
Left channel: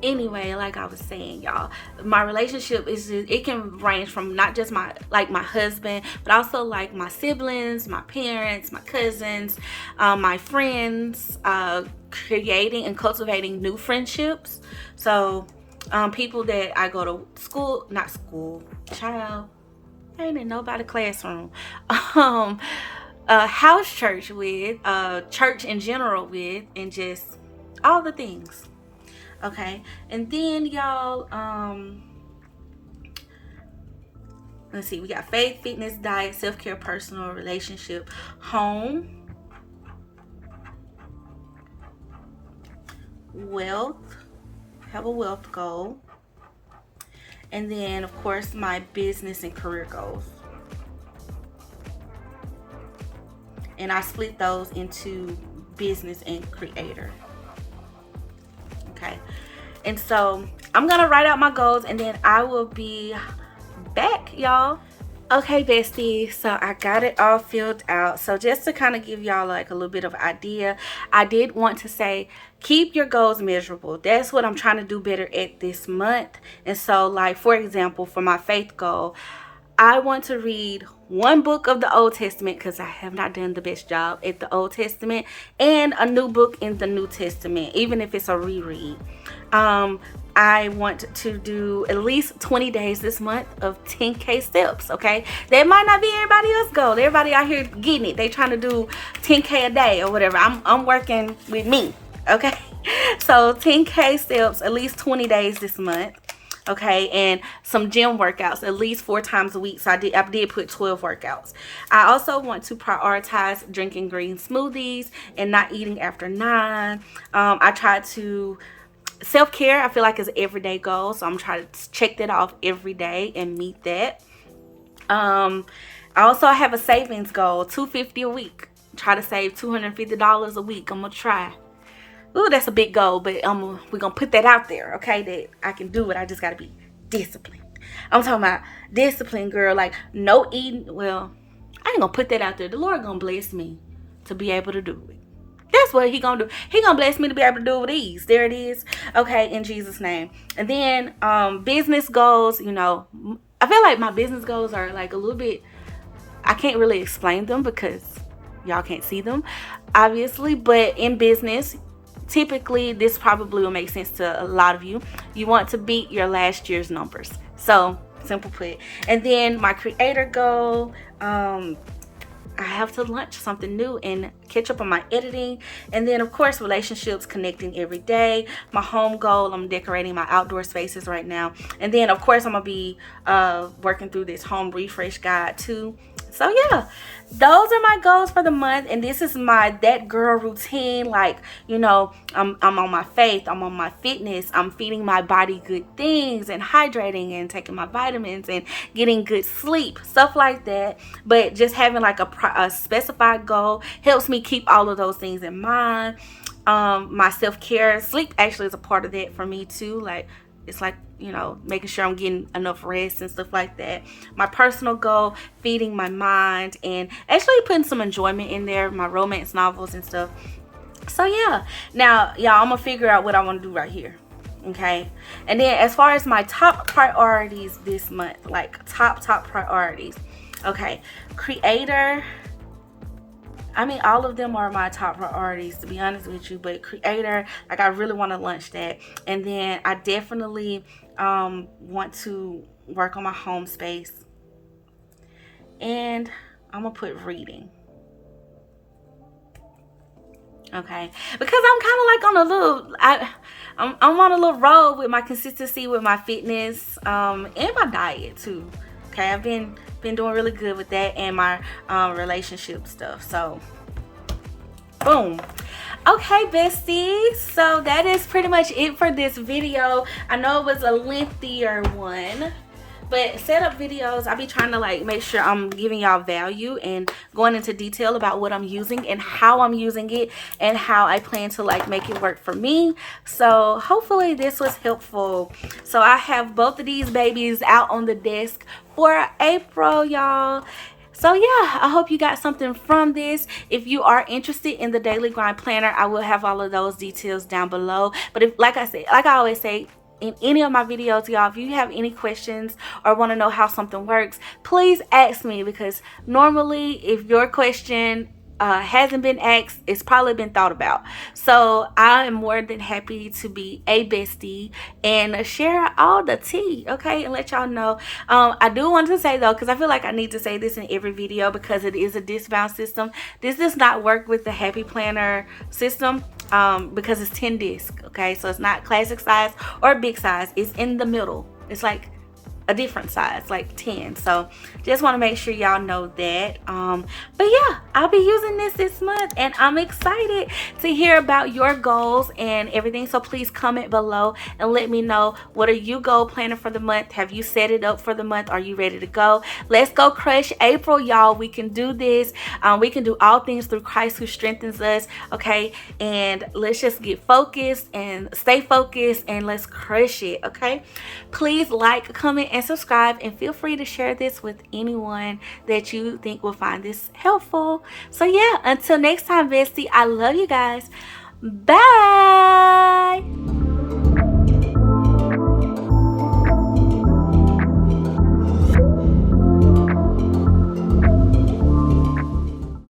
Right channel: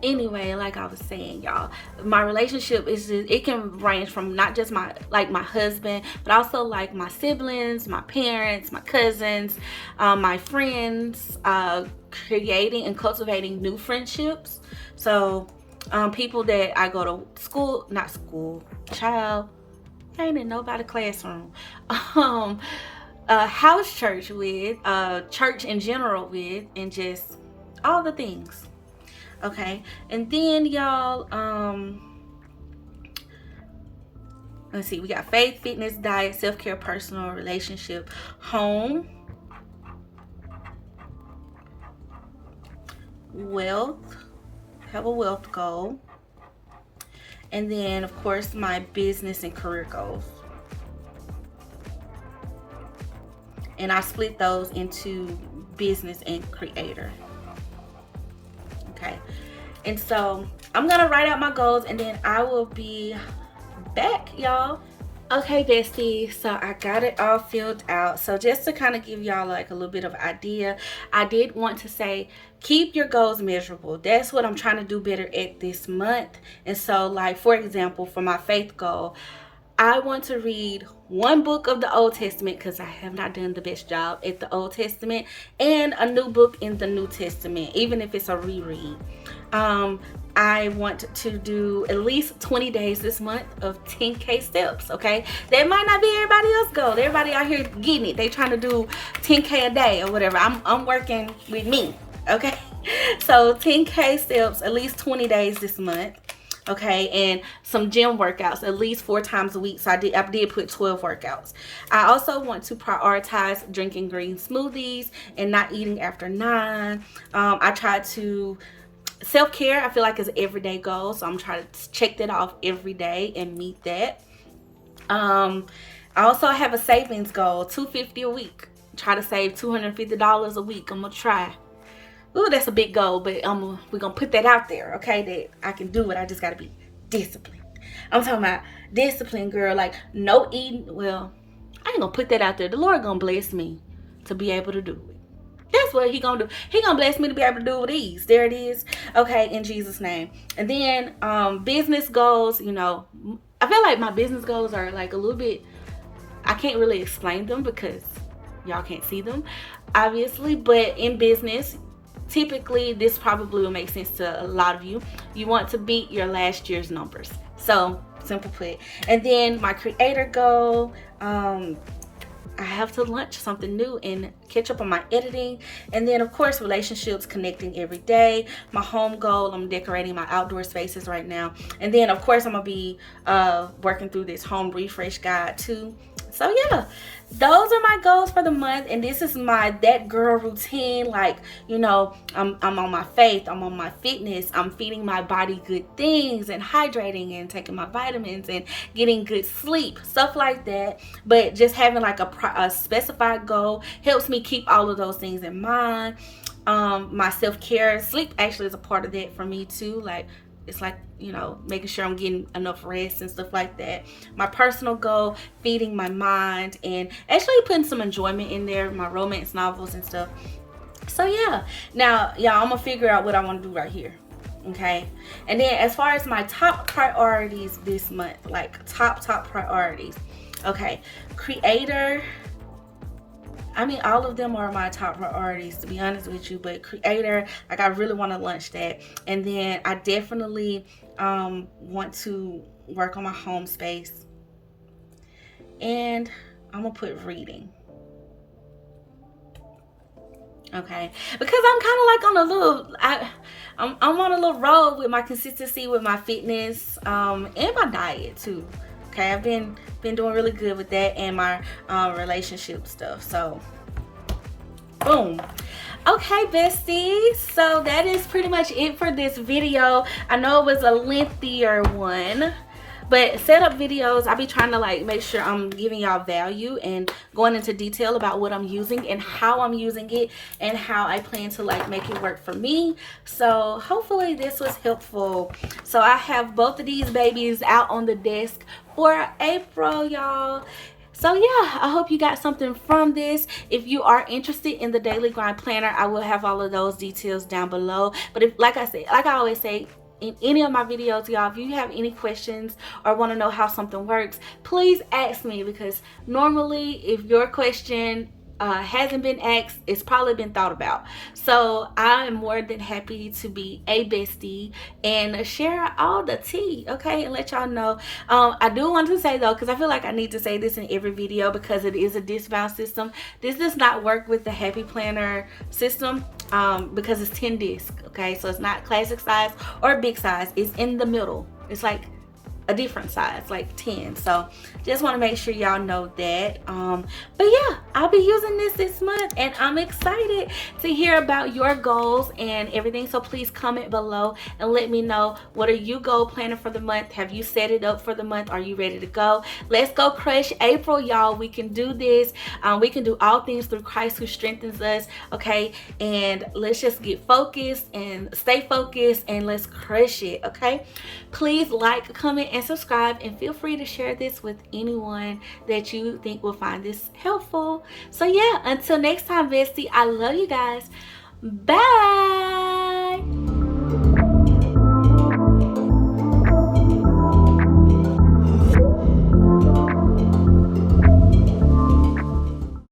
Anyway, like I was saying, y'all, my relationship is just, it can range from not just my husband, but also like my siblings, my parents, my cousins, my friends, creating and cultivating new friendships. So people that I go to school, not school, child, I ain't in nobody classroom, house church with, church in general with, and just all the things. Okay, and then y'all, let's see, we got faith, fitness, diet, self-care, personal, relationship, home, wealth, have a wealth goal, and then of course my business and career goals. And I split those into business and creator. Okay, and so I'm gonna write out my goals and then I will be back, y'all. Okay, besties, so I got it all filled out. So just to kind of give y'all like a little bit of idea, I did want to say keep your goals measurable. That's what I'm trying to do better at this month. And so, like, for example, for my faith goal, I want to read one book of the Old Testament, because I have not done the best job at the Old Testament, and a new book in the New Testament, even if it's a reread. I want to do at least 20 days this month of 10K steps, okay? That might not be everybody else's goal. Everybody out here getting it. They trying to do 10K a day or whatever. I'm working with me, okay? So 10K steps, at least 20 days this month. Okay, and some gym workouts at least 4 times a week. So I did put 12 workouts. I also want to prioritize drinking green smoothies and not eating after 9. I try to self-care, I feel like, is an everyday goal, so I'm trying to check that off every day and meet that. I also have a savings goal, $250 a week. Try to save $250 a week. I'm gonna try. Ooh, that's a big goal, but we're gonna put that out there, okay? That I can do it. I just gotta be disciplined. I'm talking about discipline, girl. Like, no eating. Well, I ain't gonna put that out there. The Lord gonna bless me to be able to do it. That's what he gonna do. He gonna bless me to be able to do these. There it is. Okay, in Jesus' name. And then business goals. You know, I feel like my business goals are like a little bit, I can't really explain them because y'all can't see them, obviously. But in business, typically, this probably will make sense to a lot of you. You want to beat your last year's numbers. So, simple put. And then my creator goal, I have to launch something new and catch up on my editing. And then, of course, relationships, connecting every day. My home goal, I'm decorating my outdoor spaces right now. And then, of course, I'm going to be working through this home refresh guide too. So, yeah. Those are my goals for the month, and this is my that girl routine. Like, you know, I'm on my faith, I'm on my fitness, I'm feeding my body good things and hydrating and taking my vitamins and getting good sleep, stuff like that. But just having like a specified goal helps me keep all of those things in mind. My self-care, sleep actually is a part of that for me too. Like, it's like, you know, making sure I'm getting enough rest and stuff like that. My personal goal, feeding my mind and actually putting some enjoyment in there, my romance novels and stuff. So yeah, now y'all, I'm gonna figure out what I want to do right here. Okay, and then as far as my top priorities this month, like top priorities, Okay, creator. I mean, all of them are my top priorities, to be honest with you. But creator, like, I really want to launch that. And then I definitely want to work on my home space. And I'm going to put reading. Okay, because I'm kind of like on a little, I'm on a little roll with my consistency with my fitness, and my diet too. Okay, I've been doing really good with that and my relationship stuff. So, boom. Okay, besties, so that is pretty much it for this video. I know it was a lengthier one, but setup videos, I'll be trying to like make sure I'm giving y'all value and going into detail about what I'm using and how I'm using it and how I plan to like make it work for me. So hopefully this was helpful. So I have both of these babies out on the desk for April, y'all. So yeah, I hope you got something from this. If you are interested in the Daily Grind Planner, I will have all of those details down below. But if, like I said, like I always say, in any of my videos, y'all, if you have any questions or want to know how something works, please ask me, because normally if your question hasn't been asked, it's probably been thought about. So I am more than happy to be a bestie and share all the tea, okay, and let y'all know. I do want to say though, because I feel like I need to say this in every video, because it is a discount system. This does not work with the Happy Planner system, because it's 10 discs, okay? So it's not classic size or big size. It's in the middle. It's like a different size, like 10. So just want to make sure y'all know that. But yeah, I'll be using this month, and I'm excited to hear about your goals and everything. So please comment below and let me know, what are you goal planning for the month? Have you set it up for the month? Are you ready to go? Let's go crush April, y'all. We can do this. We can do all things through Christ who strengthens us, okay? And let's just get focused and stay focused, and let's crush it, okay? Please like, comment, and subscribe, and feel free to share this with anyone that you think will find this helpful. So yeah, until next time, bestie, I love you guys. Bye.